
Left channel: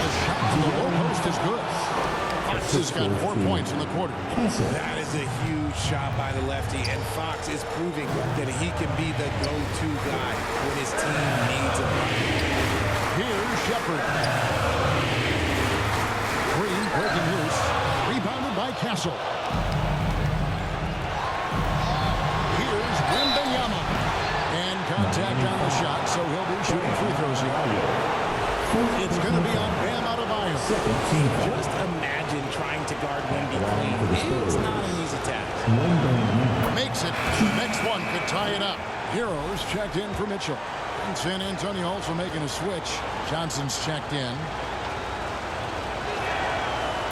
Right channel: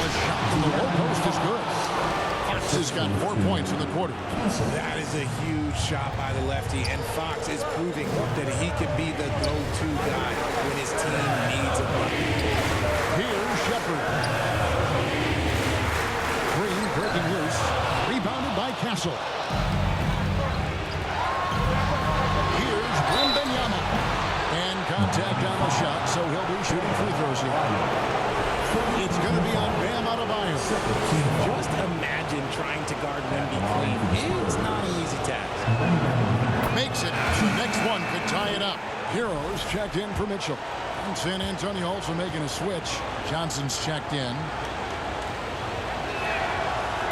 The shot from the low post is good. Fox has got 4 points in the quarter. That is a huge shot by the lefty, and Fox is proving that he can be the go-to guy when his team needs a bucket. Here's Shepherd. Green breaking loose. Rebounded by Castle. Here's Wembanyama. And contact on the shot, so he'll be shooting free throws here. It's going to be on Bam Adebayo. Just imagine trying to guard Wemby clean. It's not an easy task. Makes it. The next one could tie it up. Heroes checked in for Mitchell. And San Antonio also making a switch. Johnson's checked in.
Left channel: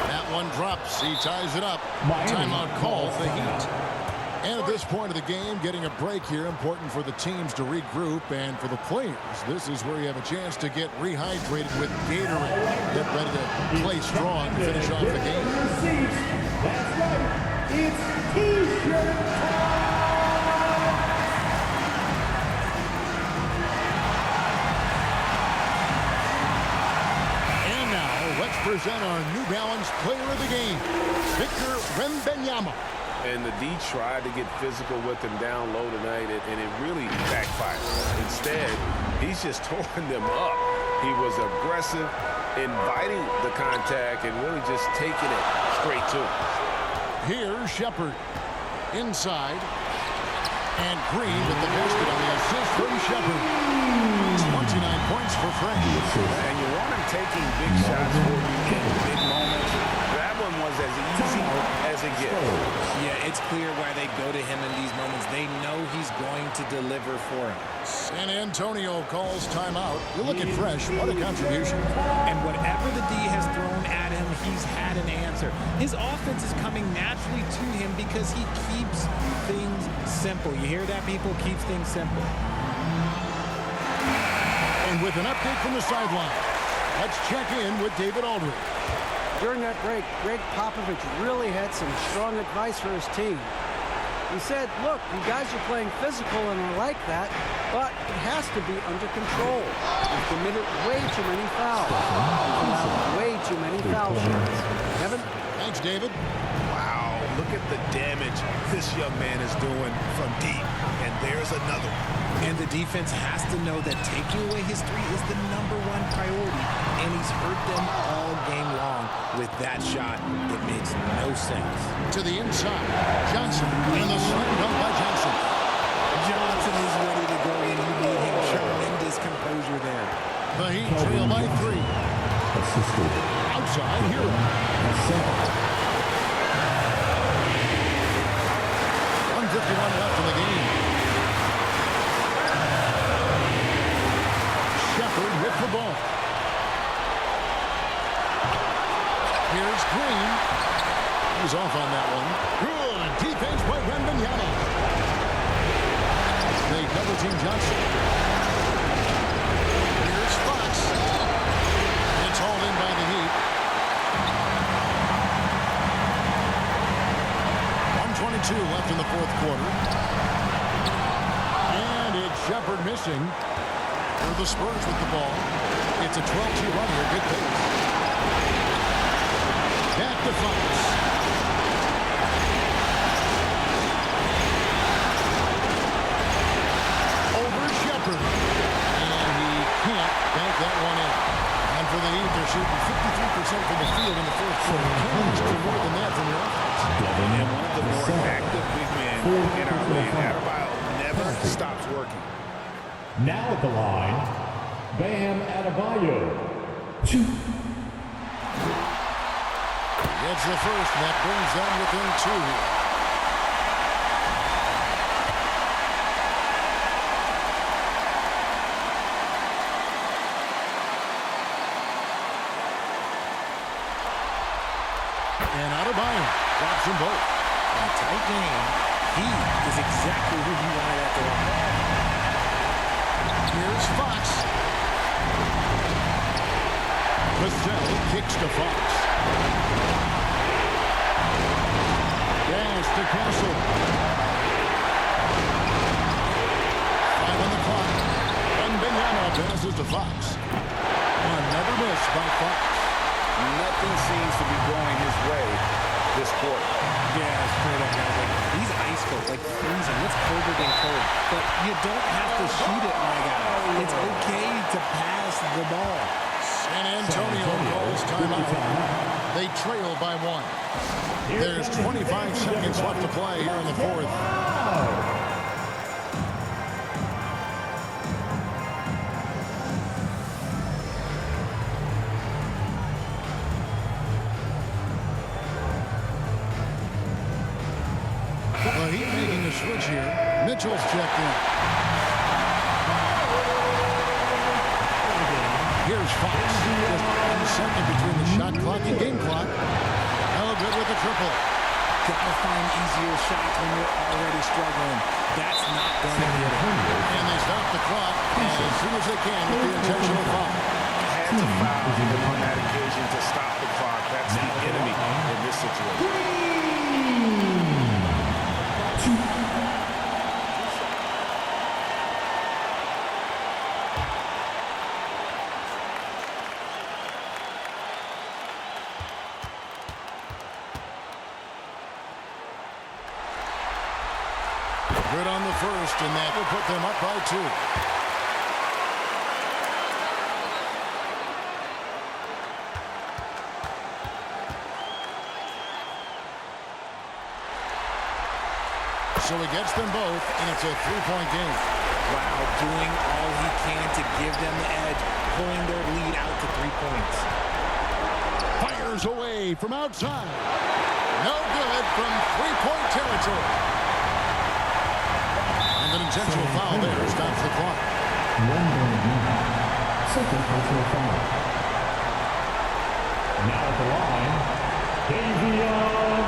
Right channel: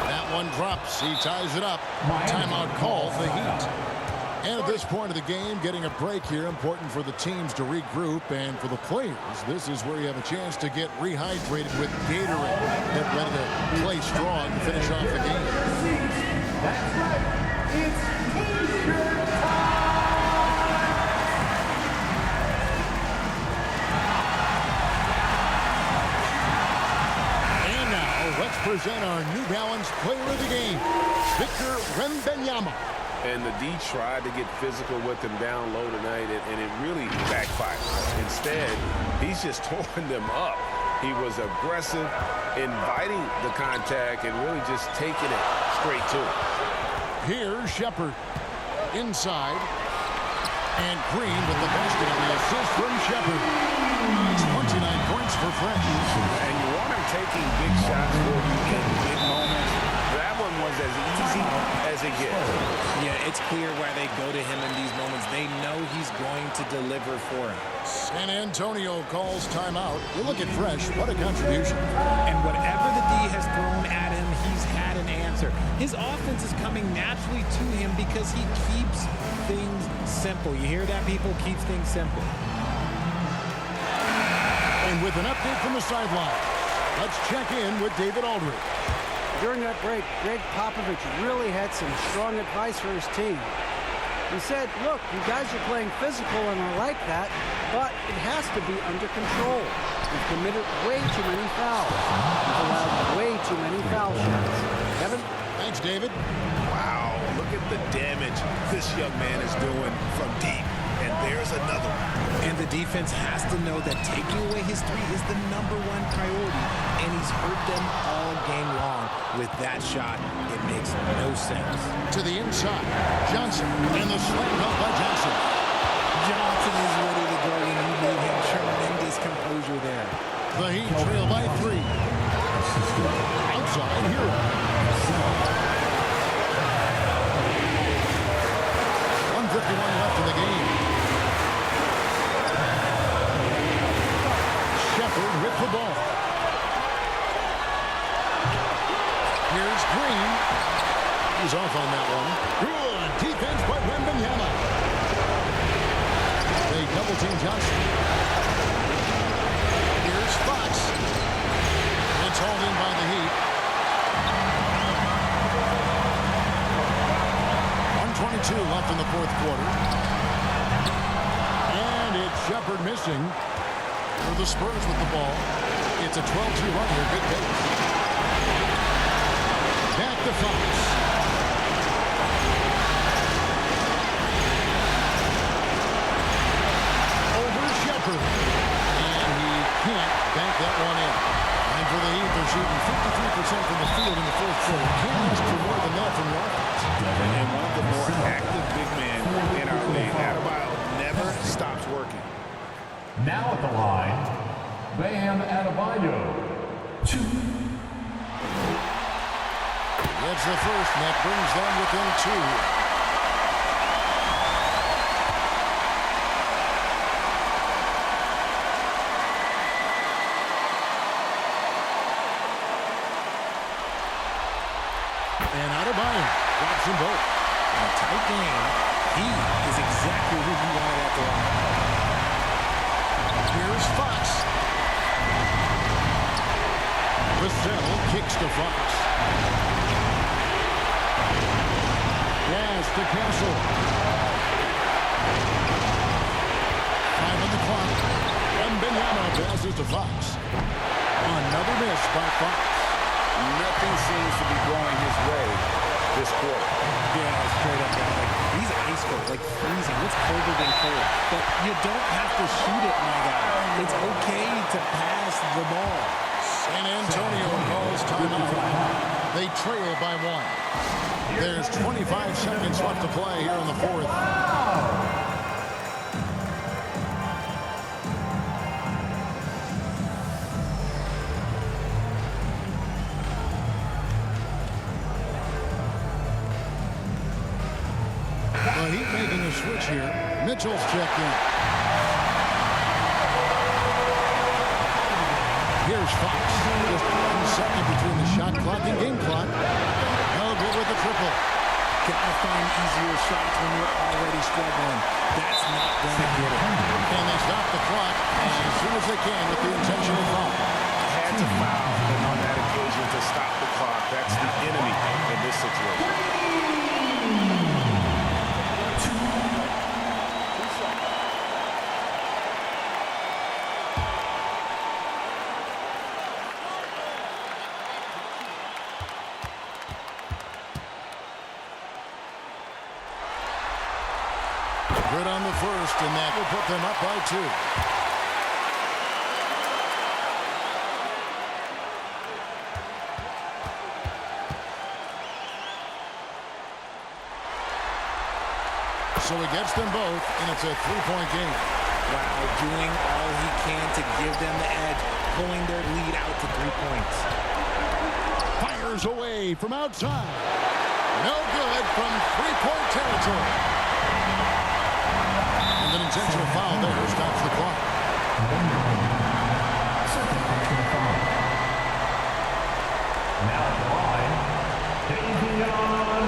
That one drops. He ties it up. Timeout call for the Heat. And at this point of the game, getting a break here, important for the teams to regroup, and for the players, this is where you have a chance to get rehydrated with Gatorade. Get ready to play strong to finish off the game. That's right. It's T-shirt time. And now, let's present our New Balance player of the game, Victor Wembanyama. And the D tried to get physical with him down low tonight, and it really backfired. Instead, he's just torn them up. He was aggressive, inviting the contact, and really just taking it straight to him. Here's Shepherd. Inside. And Green with the basket on the assist from Shepherd. 29 points for Fresh. And you want him taking big shots for you in big moments. That one was as easy as it gets. Yeah, it's clear why they go to him in these moments. They know he's going to deliver for them. San Antonio calls timeout. You look at Fresh, what a contribution. And whatever the D has thrown at him, he's had an answer. His offense is coming naturally to him because he keeps things simple. You hear that, people? Keeps things simple. And with an update from the sideline, let's check in with David Aldridge. During that break, Greg Popovich really had some strong advice for his team. He said, look, you guys are playing physical and I like that, but it has to be under control. We've committed way too many fouls. We've allowed way too many foul shots. Kevin? Thanks, David. Wow, look at the damage this young man is doing from deep. And there's another one. And the defense has to know that taking away his three is the #1 priority, and he's hurt them all game long with that shot. It makes no sense. To the inside, Johnson, and the slam dunk by Johnson. Johnson is ready to go when you need him. Tremendous composure there. The Heat trail by 3. Outside, Hero. 1:51 left in the game. Shepherd with the ball. Here's Green. He's off on that one. Good defense by Wembanyama. They double-team Johnson. Here's Fox. It's hauled in by the Heat. 1:22 left in the fourth quarter. And it's Shepherd missing. They're the Spurs with the ball. It's a 12-2 run here. Good pace. Back to Fox. Over Shepherd. And he can't bank that one in. And for the Heat, they're shooting 53% from the field in the fourth quarter. Can't ask for more than that from your offense. And one of the more active big men in our league. Adebayo never stops working. Now at the line, Bam Adebayo. 2. Gets the first, and that brings them within 2 here. And Adebayo drops them both. In a tight game, he is exactly who you wanted at the line. Here's Fox. Vassell kicks to Fox. Dash to Castle. 5 on the clock. Wembanyama passes to Fox. Another miss by Fox. Nothing seems to be going his way this quarter. Yeah, straight up, guys. Like, he's ice cold, like freezing. What's colder than cold? But you don't have to shoot it, my guy. It's okay to pass the ball. San Antonio calls timeout. They trail by 1. There's 25 seconds left to play here in the fourth. The Heat making a switch here. Mitchell's checked in. Here's Fox. Just 1 second between the shot clock and game clock. No good with the triple. Gotta find easier shots when you're already struggling. That's not gonna get it. And they stop the clock as soon as they can with the intentional foul. Had to foul him on that occasion to stop the clock. That's the enemy in this situation. Good on the first, and that will put them up by 2. So he gets them both, and it's a 3-point game. while doing all he can to give them the edge, pulling their lead out to 3 points. Fires away from outside. No good from three-point territory. And an intentional foul there stops the clock. Second personal foul. Now at the line, Davion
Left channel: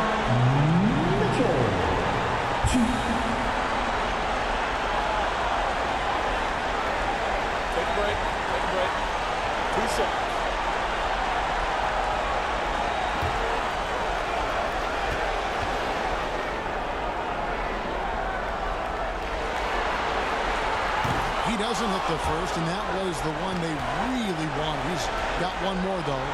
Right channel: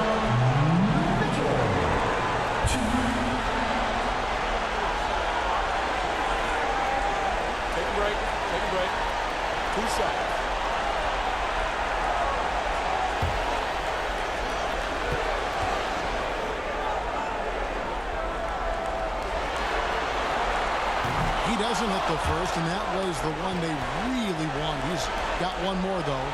Mitchell. Take a break. Take a break. 2 shots. He doesn't hit the first, and that was the one they really wanted. He's got one more, though.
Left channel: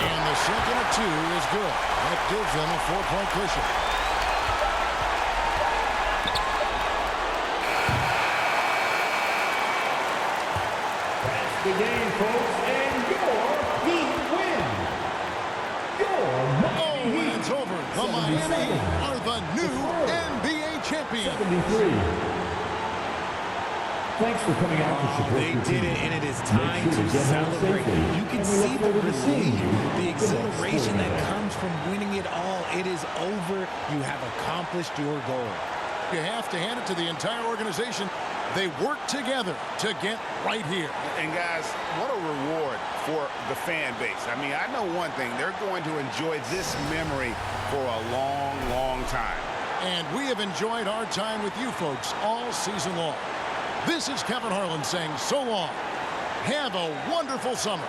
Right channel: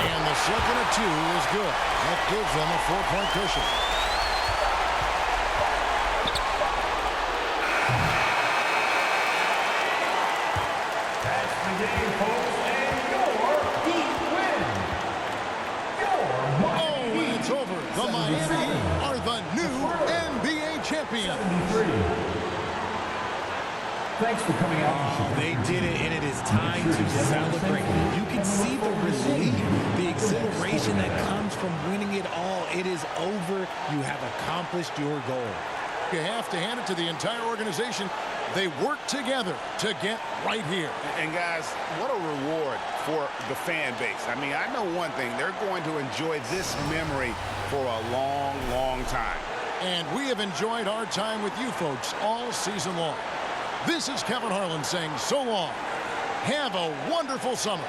And the second of 2 is good. That gives them a 4-point cushion. That's the game, folks, and your Heat win. Oh, and it's over. The Miami Heat are the new NBA champions. 73. Thanks for coming out to support They your did team. it, and it is time Make sure to get home celebrate. safely, You can and we see look the forward to seeing relief, you the the next exhilaration sporting that event. comes from winning it all. It is over. You have accomplished your goal. You have to hand it to the entire organization. They work together to get right here. And guys, what a reward for the fan base. I mean, I know one thing. They're going to enjoy this memory for a long, long time. And we have enjoyed our time with you folks all season long. This is Kevin Harlan saying so long. Have a wonderful summer.